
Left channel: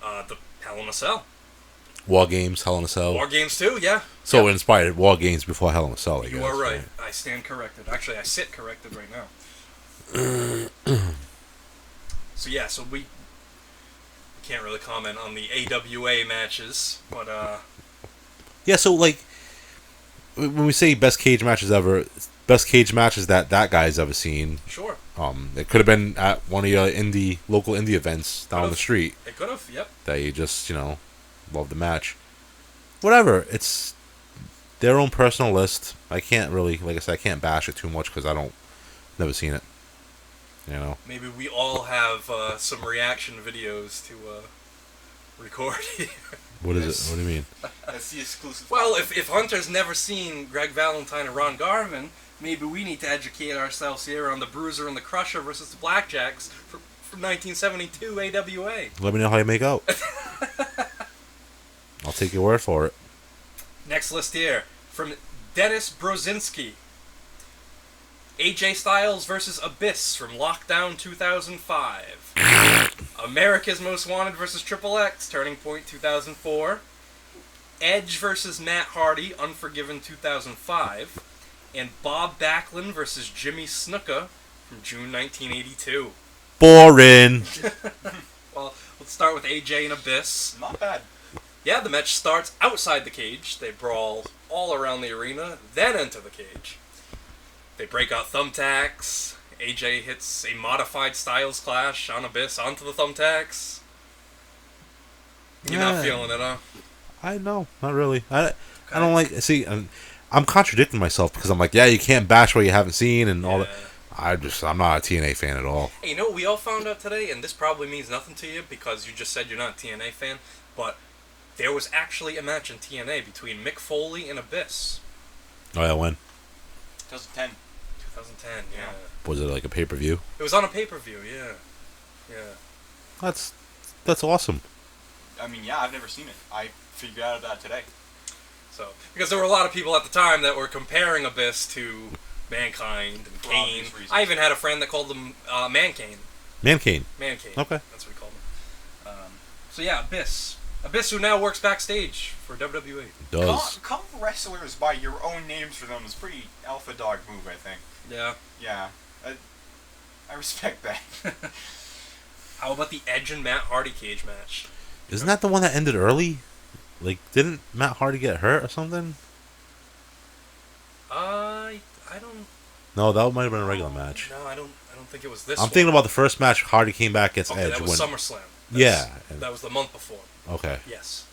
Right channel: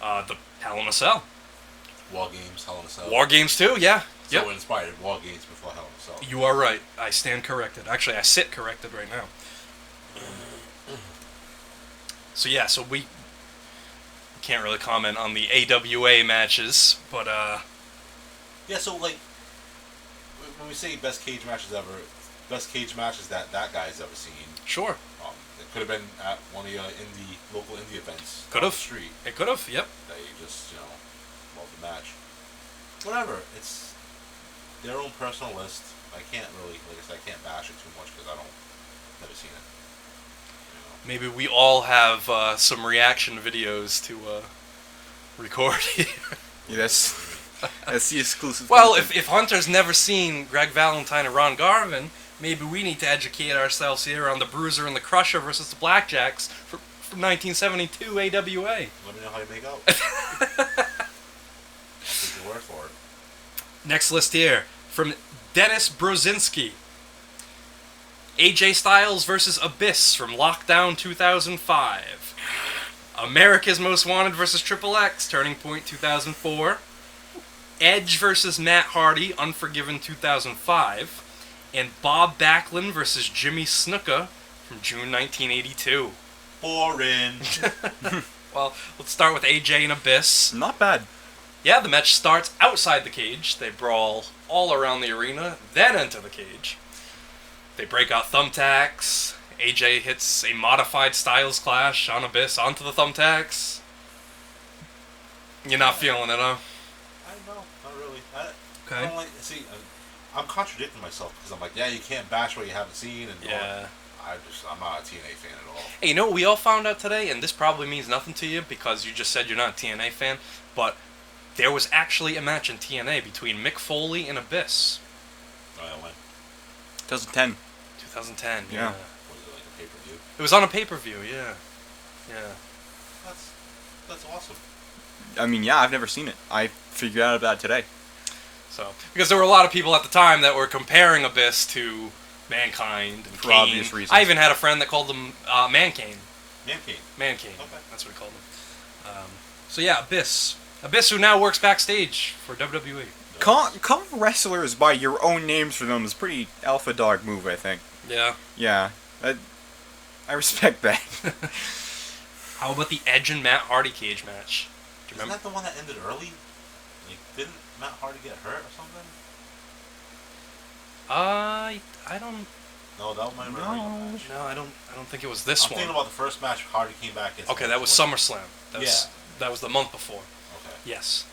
the Hell in a Cell. War Games, Hell in a Cell. War Games too, yeah. So yeah. it inspired War Games before Hell in a Cell. You are right. I stand corrected. Actually, I sit corrected right now. So we can't really comment on the AWA matches, but yeah. So when we say best cage matches ever, best cage matches that guy's ever seen. Sure. It could have been at one of your local indie events down the street. It could have. Yep. That you just love the match. Whatever. It's their own personal list. I can't really, like I said, I can't bash it too much because never seen it. Maybe we all have some reaction videos to record here. What is it? What do you mean? That's the exclusive. Well, if Hunter's never seen Greg Valentine and Ron Garvin, maybe we need to educate ourselves here on the Bruiser and the Crusher versus the Blackjacks from 1972 AWA. Let me know how you make out. I'll take your word for it. Next list here from Dennis Brozinski. AJ Styles versus Abyss from Lockdown 2005. America's Most Wanted versus Triple X, Turning Point 2004. Edge versus Matt Hardy, Unforgiven 2005. And Bob Backlund versus Jimmy Snuka from June 1982. Boring. Well, let's start with AJ and Abyss. Not bad. Yeah, the match starts outside the cage. They brawl all around the arena, then into the cage. They break out thumbtacks. AJ hits a modified Styles Clash on Abyss onto the thumbtacks. You're not feeling it, huh? I know, not really. I don't like. See, I'm contradicting myself because I'm like, yeah, you can't bash what you haven't seen and all that. I'm not a TNA fan at all. Hey, you know what we all found out today, and this probably means nothing to you because you just said you're not a TNA fan, but there was actually a match in TNA between Mick Foley and Abyss. Oh yeah, when? 2010. 2010. Yeah. Was it like a pay-per-view? It was on a pay-per-view. Yeah. That's awesome. I mean, yeah, I've never seen it. I figured out about it today. So, because there were a lot of people at the time that were comparing Abyss to Mankind and For Kane. obvious reasons. I even had a friend that called them Mankane. Mankane. Mankane. Okay. That's what we called him. So yeah, Abyss. Abyss, who now works backstage for WWE. Does. Call wrestlers by your own names for them is a pretty alpha dog move, I think. Yeah. Yeah. I respect that. How about the Edge and Matt Hardy cage match? Isn't that the one that ended early? Like, didn't Matt Hardy get hurt or something? I don't. No, that might have been a regular match. No, I don't think it was this I'm one. thinking about the first match Hardy came back against Okay, Edge. that was when- SummerSlam. Yeah. That was the month before. Okay. Yes.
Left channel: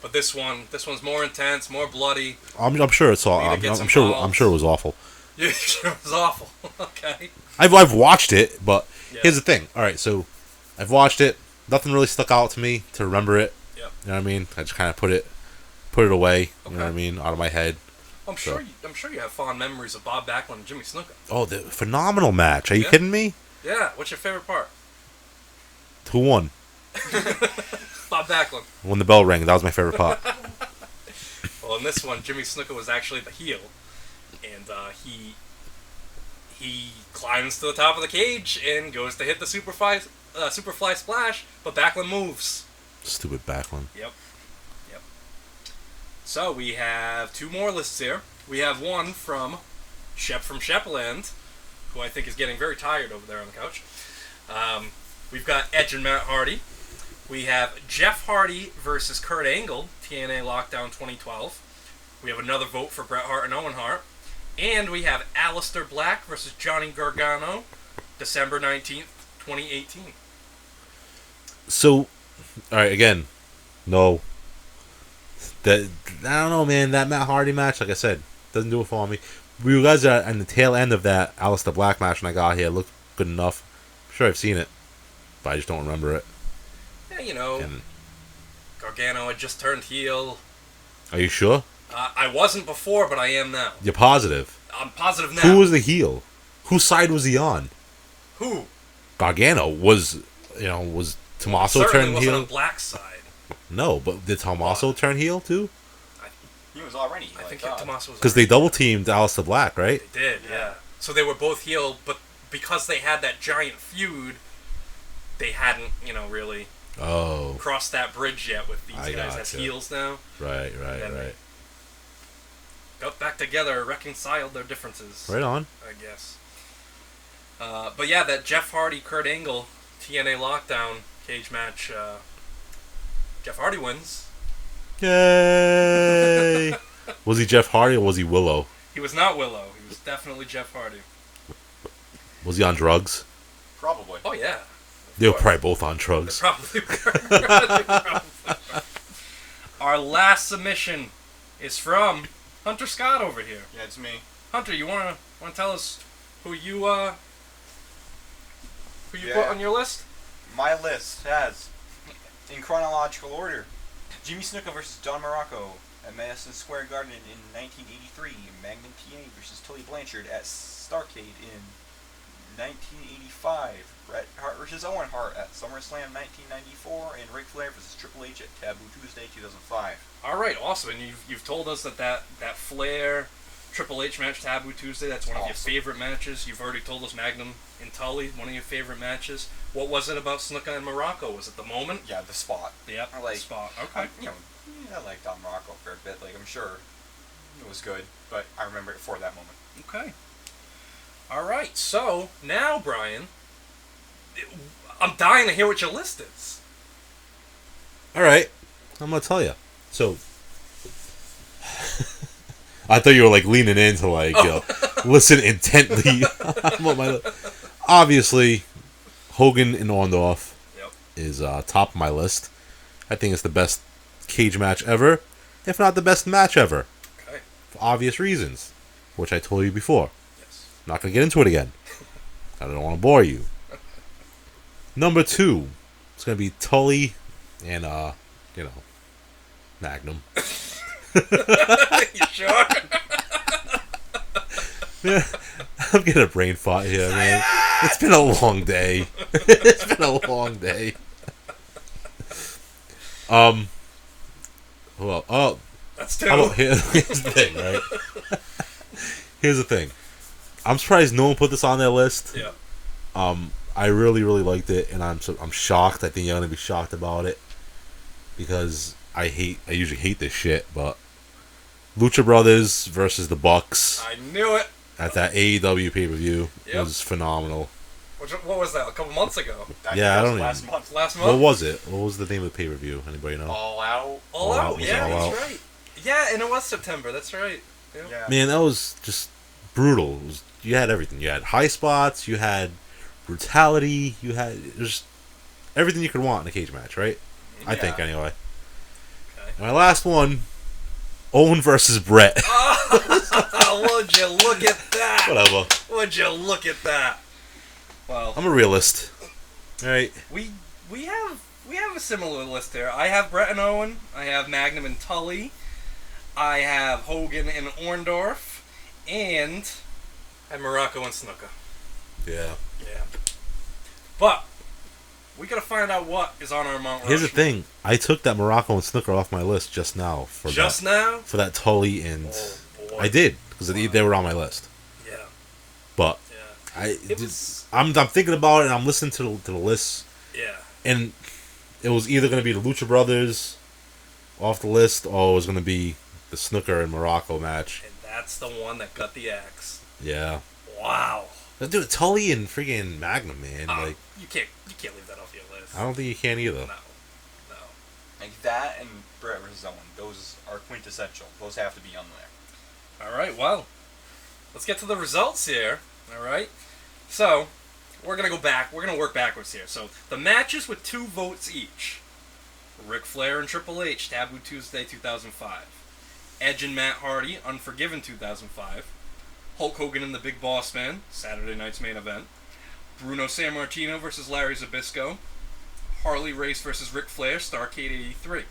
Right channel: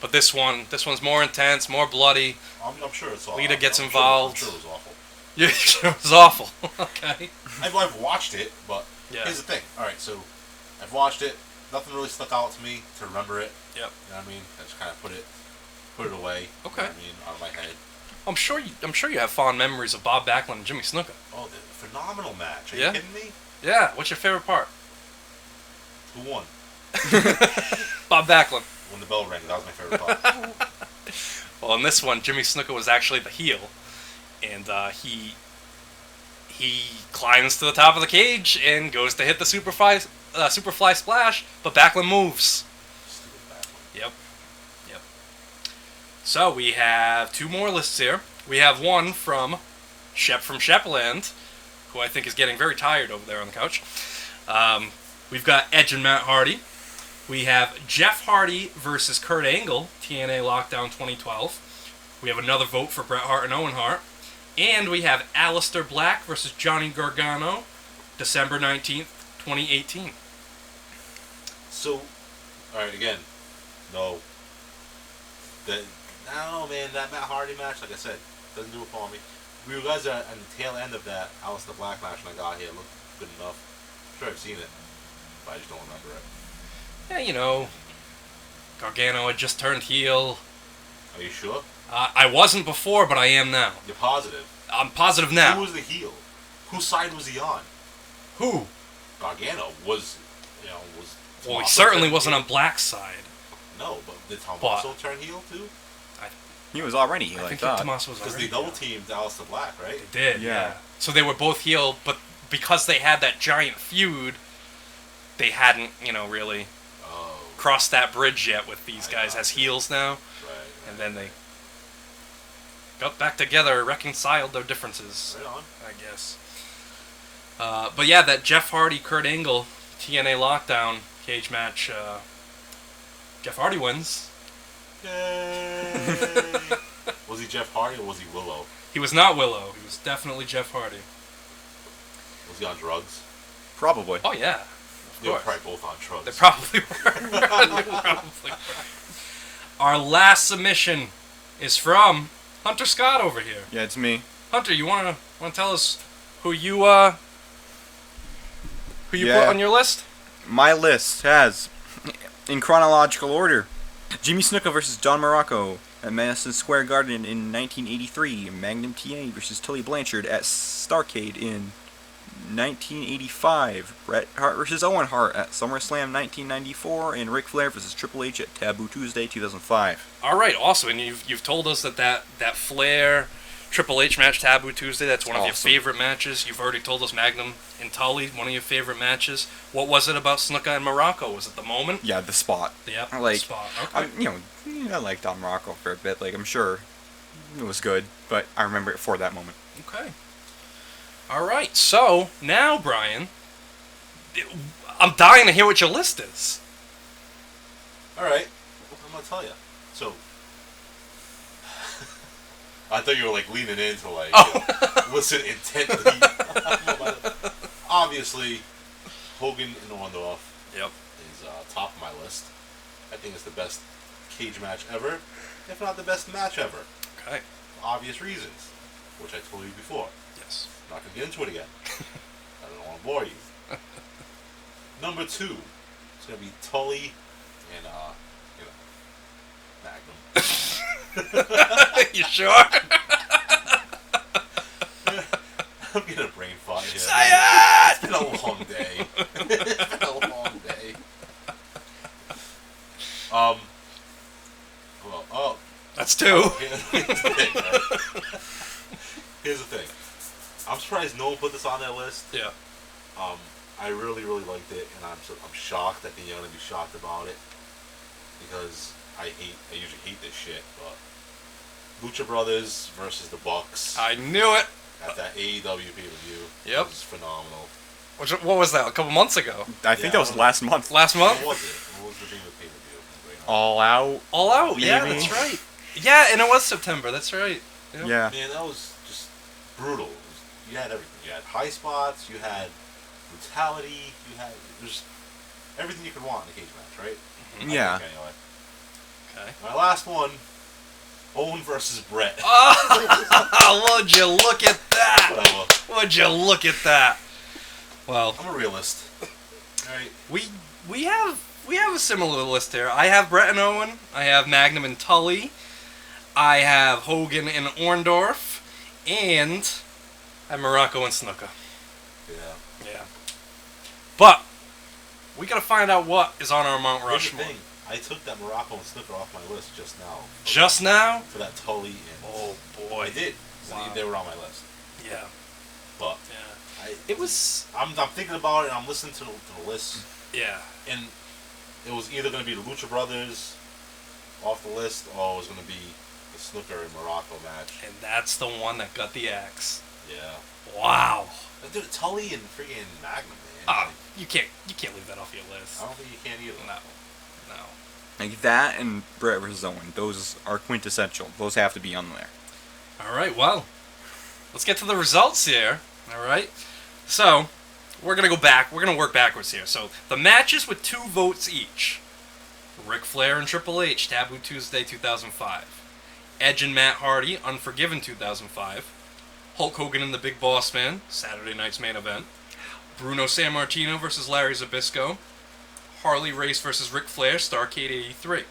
But this one's more intense, more bloody. I'm sure it's all. Lita gets I'm sure involved. it was awful. Yeah, it was awful. Okay. I've watched it, but Yeah. here's the thing. All right, so I've watched it. Nothing really stuck out to me to remember it. Yep. You know what I mean? I just kind of put it away. You know what I Okay. mean? Out of my head. I'm sure you have fond memories of Bob Backlund and Jimmy Snuka. Oh, the phenomenal match. Are you Yeah? kidding me? Yeah. What's your favorite part? Who won? Bob Backlund. When the bell rang, that was my favorite part. Well, in this one, Jimmy Snuka was actually the heel, and he climbs to the top of the cage and goes to hit the Superfly Splash, but Backlund moves. Stupid Backlund. Yep. So we have two more lists here. We have one from Shep from Shepland, who I think is getting very tired over there on the couch. We've got Edge and Matt Hardy. We have Jeff Hardy versus Kurt Angle, TNA Lockdown 2012. We have another vote for Bret Hart and Owen Hart. And we have Aleister Black versus Johnny Gargano, December 19th, 2018. So, all right, again, no. I don't know, man. That Matt Hardy match, like I said, doesn't do it for me. You guys are on the tail end of that Aleister Black match when I got here. Looked good enough. I'm sure I've seen it, but I just don't remember it. Yeah, Gargano had just turned heel. Are you sure? I wasn't before, but I am now. You're positive? I'm positive now. Who was the heel? Whose side was he on? Who? Gargano was Tommaso Well, he certainly turn wasn't heel? on Black's side. No, but did Tommaso turn heel too? He was already heel, I I think thought. Tommaso was Because they already double teamed Aleister Black, right? They did, yeah. So they were both heel, but because they had that giant feud, they hadn't, really Oh, crossed that bridge yet with these I guys as gotcha. heels now. right. And then they got back together, reconciled their differences, Right on. I guess. But yeah, that Jeff Hardy, Kurt Angle, TNA Lockdown cage match, Jeff Hardy wins. Yay! Was he Jeff Hardy or was he Willow? He was not Willow. He was definitely Jeff Hardy. Was he on drugs? Probably. Oh, yeah. They were course. probably both on They drugs. probably were. They probably were. Our last submission is from Hunter Scott over here. Yeah, it's me. Hunter, you wanna tell us who you put Yeah. on your list? My list has, in chronological order, Jimmy Snuka versus Don Morocco at Madison Square Garden in 1983. Magnum TA versus Tully Blanchard at Starrcade in 1985. Bret Hart versus Owen Hart at SummerSlam 1994. And Ric Flair versus Triple H at Taboo Tuesday 2005. All right, awesome. And you've told us that Flair Triple H match, Taboo Tuesday, that's one of your Awesome. favorite matches. You've already told us Magnum and Tully, one of your favorite matches. What was it about Snuka and Morocco? Was it the moment? Yeah, the spot. Yep, I like- the spot. Okay. I liked Don Morocco for a bit. I'm sure it was good, but I remember it for that moment. Okay. All right. So now, Brian, I'm dying to hear what your list is. All right, I'm gonna tell you. So, I thought you were leaning in to listen intently. Obviously, Hogan and Orndorff Yep. is top of my list. I think it's the best cage match ever, if not the best match ever, Okay. for obvious reasons, which I told you before. Yes. I'm not gonna get into it again. I don't want to bore you. Number 2, it's gonna be Tully and Magnum. You sure? I'm getting a brain fart here, man. It's been a long day. It's been a long day. Well, That's two. here's the thing, right? Here's the thing. I'm surprised no one put this on their list. Yeah. I really, really liked it, and I'm shocked. I think you're gonna be shocked about it because I usually hate this shit, but Lucha Brothers versus the Bucks I knew it. at that AEW pay-per-view Yep. was phenomenal. What was that? A couple months ago. I think Yeah, that I was don't last month. Last What month. was it? What was the name of the pay-per-view? Anybody know? All Out. All Out. Yeah, All that's Out. right. Yeah, and it was September. That's right. Yeah. Man, that was just brutal. You had everything. You had high spots. You had brutality. You had just everything you could want in a cage match, right? I Yeah. think anyway. Okay. My last one, Owen versus Bret. Would you look at that? Whatever. Would you look at that? Well, I'm a realist. Right? we have a similar list here. I have Bret and Owen. I have Magnum and Tully. I have Hogan and Orndorff, and I have Morocco and Snuka. Yeah. Yeah. But we gotta find out what is on our Mount Rushmore. Here's the thing. I took that Morocco and Snooker off my list just now. Now? For that Tully and... Oh boy. I did. Because they were on my list. Yeah. But... Yeah. It was. I'm thinking about it and I'm listening to the list. Yeah. And it was either going to be the Lucha Brothers off the list or it was going to be the Snooker and Morocco match. And that's the one that got the axe. Yeah. Wow. Dude, Tully and friggin' Magnum, man. You can't leave that off your list. I don't think you can either. No. Like that and Bret vs. Owen. Those are quintessential. Those have to be on there. All right, well, let's get to the results here. All right. So, we're going to go back. We're going to work backwards here. So, the matches with 2 votes each. Ric Flair and Triple H, Taboo Tuesday 2005. Edge and Matt Hardy, Unforgiven 2005. Hulk Hogan and the Big Boss Man, Saturday night's main event. Bruno Sammartino versus Larry Zbyszko. Harley Race versus Ric Flair, Starrcade 83.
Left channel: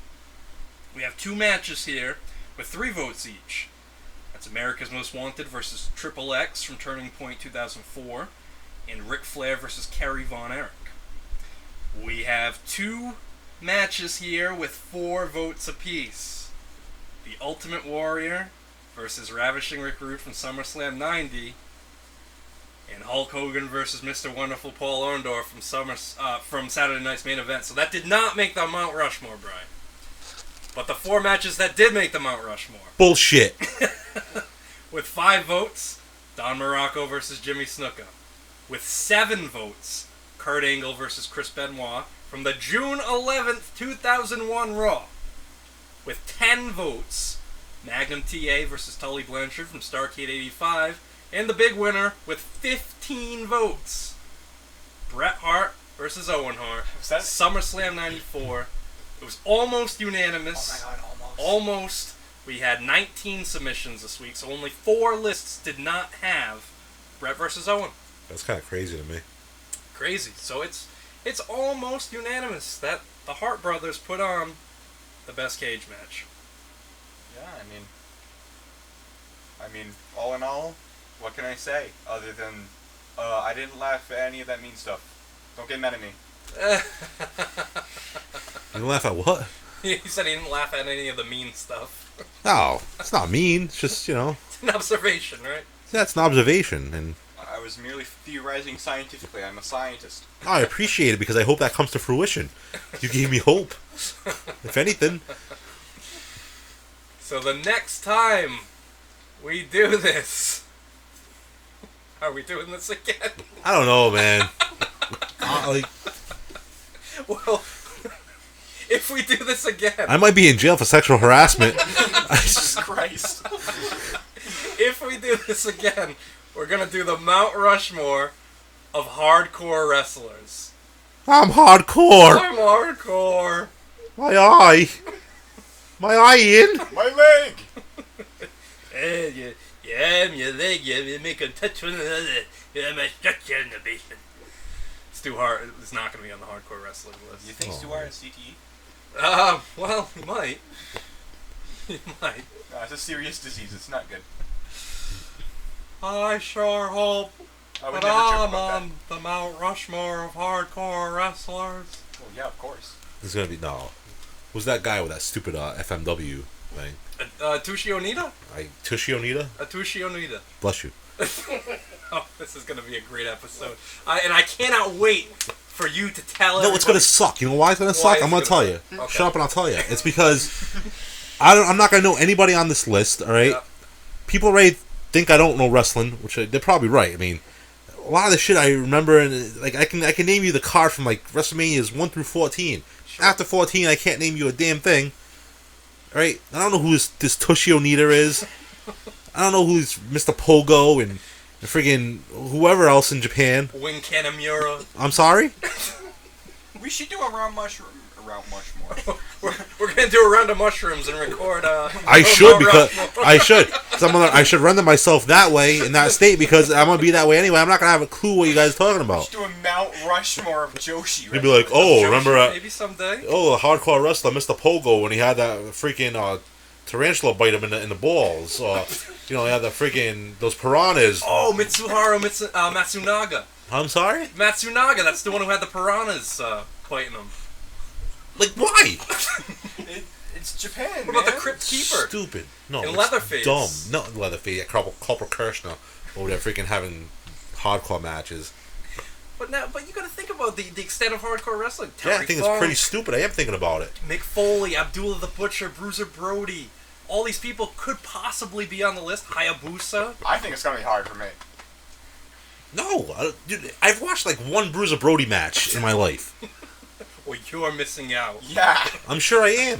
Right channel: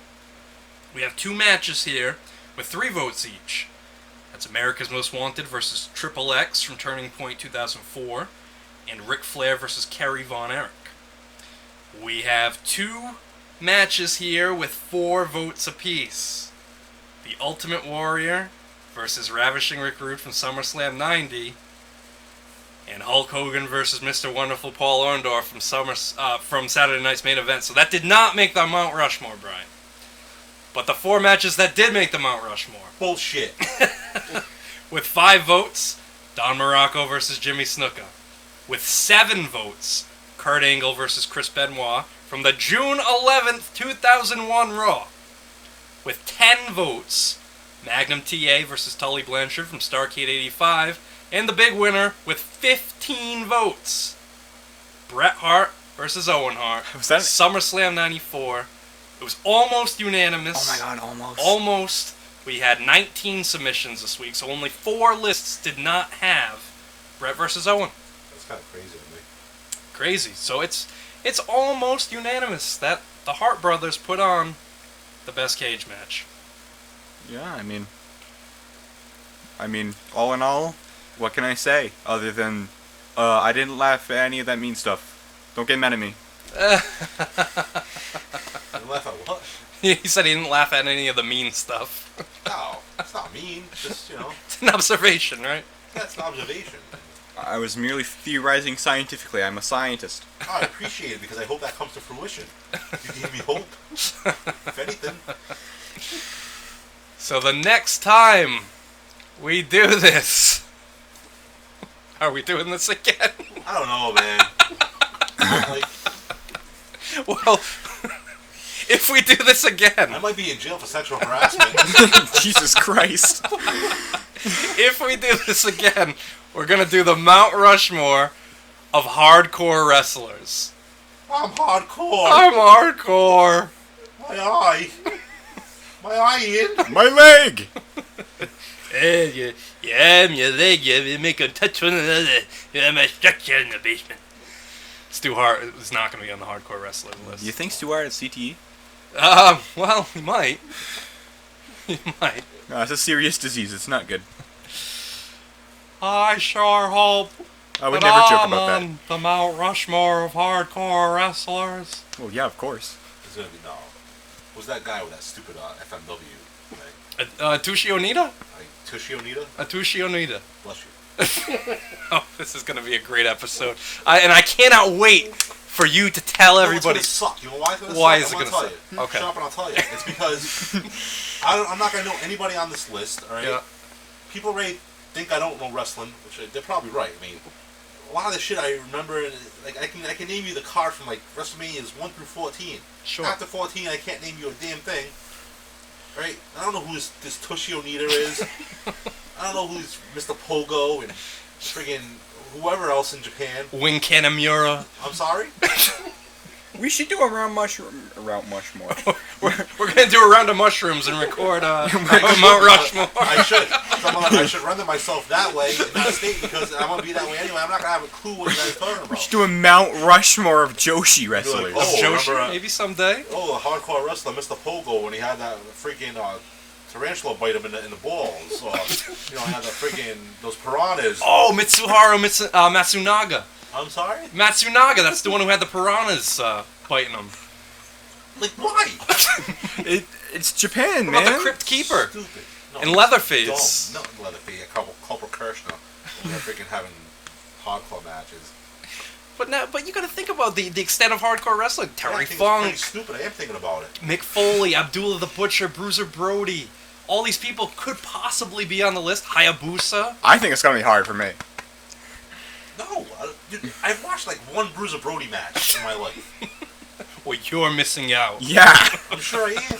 We have 2 matches here with 3 votes each. That's America's Most Wanted versus Triple X from Turning Point 2004, and Ric Flair versus Kerry Von Erich. We have 2 matches here with 4 votes apiece. The Ultimate Warrior versus Ravishing Rick Rude from SummerSlam 90, and Hulk Hogan versus Mr. Wonderful Paul Orndorff from Saturday Night's Main Event. So that did not make the Mount Rushmore, Brian. But the 4 matches that did make the Mount Rushmore. Bullshit. With 5 votes, Don Morocco versus Jimmy Snuka. With 7 votes, Kurt Angle versus Chris Benoit from the June 11th, 2001 Raw. With 10 votes, Magnum TA versus Tully Blanchard from Starrcade 85. And the big winner with 15 votes, Bret Hart versus Owen Hart. Was that SummerSlam 94. It was almost unanimous. Oh my god, almost. Almost. We had 19 submissions this week, so only 4 lists did not have Bret versus Owen. That's kind of crazy to me. Crazy. So it's almost unanimous that the Hart brothers put on the best cage match. Yeah, I mean, all in all, what can I say other than I didn't laugh at any of that mean stuff. Don't get mad at me. You laugh at what? He said he didn't laugh at any of the mean stuff. No, it's not mean. It's just, It's an observation, right? that's an observation. And I was merely theorizing scientifically. I'm a scientist. I appreciate it because I hope that comes to fruition. You gave me hope. If anything. So the next time we do this, are we doing this again? I don't know, man. Well, if we do this again, I might be in jail for sexual harassment. Jesus Christ. if we do this again, we're gonna do the Mount Rushmore of hardcore wrestlers. I'm hardcore. I'm hardcore. My eye. My eye, Ian. My leg! Yeah, you make a touch on another. I'm a structure in the basement. Stu Hart is not going to be on the hardcore wrestler list. You think Stu Hart at CTE? Well, he might. You might. No, it's a serious disease. It's not good. I sure hope I would that never joke I'm about that. on the Mount Rushmore of hardcore wrestlers. Well, yeah, of course. It's gonna be no. Who's that guy with that stupid FMW thing? Atushi Onita? Tushi Onita? Atushi Onita. Bless you. Oh, this is going to be a great episode. And I cannot wait for you to tell everybody. It's gonna suck. You know why it's gonna Why suck? is I'm it gonna gonna tell you. Okay. Shut up and I'll tell you. It's because I'm not gonna know anybody on this list. All right. Yeah. People already think I don't know wrestling, which they're probably right. I mean, a lot of the shit I remember, and like I can name you the card from like WrestleManias 1 through 14. Sure. After 14, I can't name you a damn thing. All right. I don't know who this Toshi Onita is. I don't know who's Mr. Pogo and friggin' whoever else in Japan. Wing Kanamura. I'm sorry? We should do a round mushroom. We're going to do a round of mushrooms and record I should render myself that way in that state because I'm gonna be that way anyway. I'm not gonna have a clue what you guys are talking We about. should do a Mount Rushmore of Joshi You'd wrestlers. be like, oh, Joshi, remember? maybe someday. Oh, the hardcore wrestler, Mr. Pogo, when he had that freaking tarantula bite him in the balls. He had the freaking those piranhas. Oh, Mitsuharu Matsunaga. I'm sorry. Matsunaga, that's the one who had the piranhas biting him. Like why? It's Japan, What man. about the Crypt Keeper? Stupid. No, In it's Leatherface. Dumb. Not in Leatherface. Corporal Kirshner over there freaking having hardcore matches. But you got to think about the extent of hardcore wrestling. Yeah, I Terry think Funk, it's pretty stupid. I am thinking about it. Mick Foley, Abdullah the Butcher, Bruiser Brody. All these people could possibly be on the list. Hayabusa. I think it's gonna be hard for me. No, dude, I've watched like one Bruiser Brody match in my life. Well, you're missing out. Yeah. I'm sure I am.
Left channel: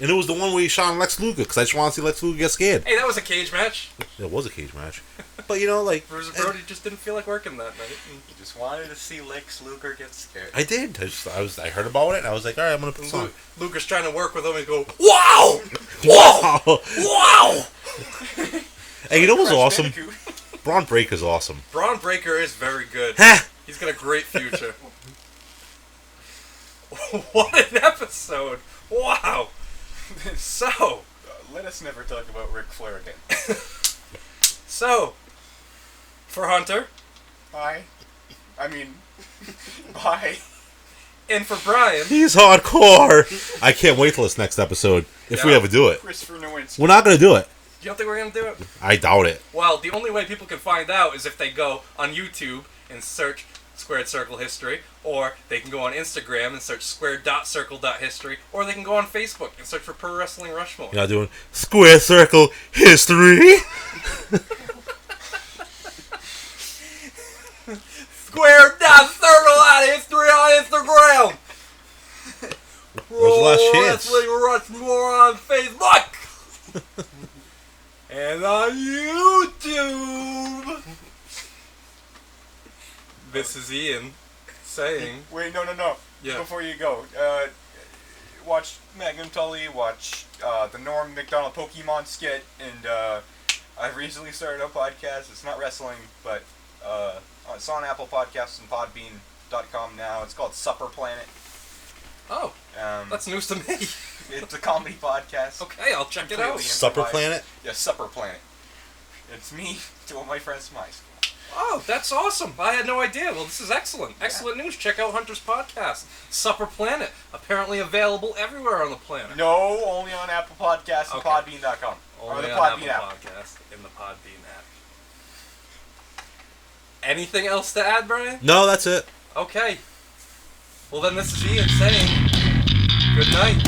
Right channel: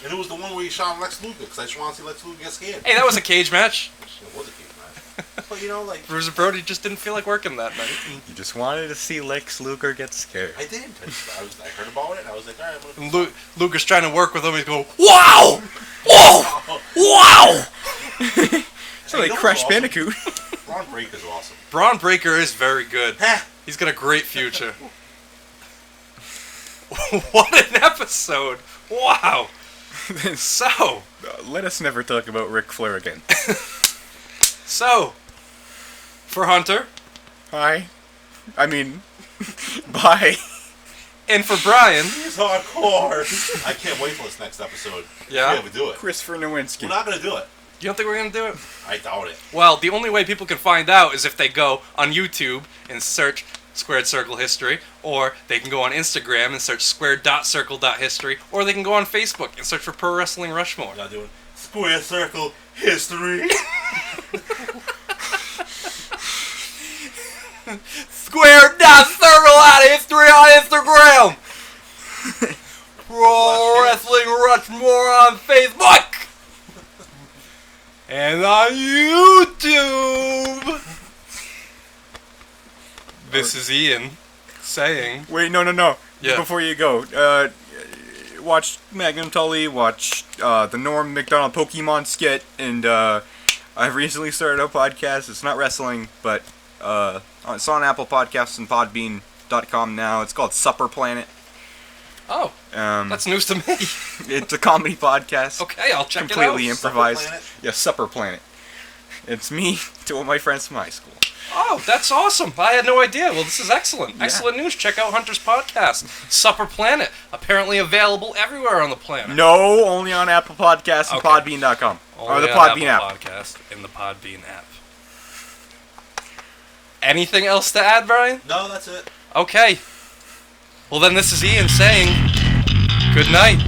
And it was the one where he shot Lex Luger because I just want to see Lex Luger get scared. Hey, that was a cage match. It was a cage match. But like... Bruiser Brody just didn't feel like working that night. You just wanted to see Lex Luger get scared. I did. I heard about it and I was like, alright, I'm going to put some. Luger's trying to work with him and go, wow! Whoa! Wow! Hey, you know what's Crash awesome? Bandicoot. Braun Breaker's awesome. Braun Breaker is very good. Ha! He's got a great future. What an episode! Wow! So, Let us never talk about Ric Flair again. so, for Hunter, Hi. I mean, bye. and for Brian, He's hardcore. I can't wait till this next episode if we Yeah. ever do it. Christopher Nowinski. We're not going to do it. you don't think we're going to do it? I doubt it. Well, the only way people can find out is if they go on YouTube and search Squared Circle History, or they can go on Instagram and search squared.circle.history, or they can go on Facebook and search for Pro Wrestling Rushmore. You're not doing Square Circle History. Squared.circle.history on Instagram! Pro last chance? Wrestling Rushmore on Facebook! And on YouTube! This is Ian saying... Wait, no. Yeah. Before you go, watch Magnum Tully, watch the Norm McDonald Pokemon skit, and I've recently started a podcast. It's not wrestling, but it's on Apple Podcasts and Podbean.com now. It's called Supper Planet. Oh, that's news to me. It's a comedy podcast. Okay, I'll check Completely it out. Supper improvised. Planet? Yeah, Supper Planet. It's me, two of my friends from high school. Oh, that's awesome. I had no idea. Well, this is excellent. Yeah. Excellent news. Check out Hunter's podcast, Supper Planet. Apparently available everywhere on the planet. No, only on Apple Podcasts and Okay. Podbean.com. Or Only the on Podbean Apple app. Podcast in the Podbean app. Anything else to add, Brian? No, that's it. Okay. Well, then this is Ian saying good night.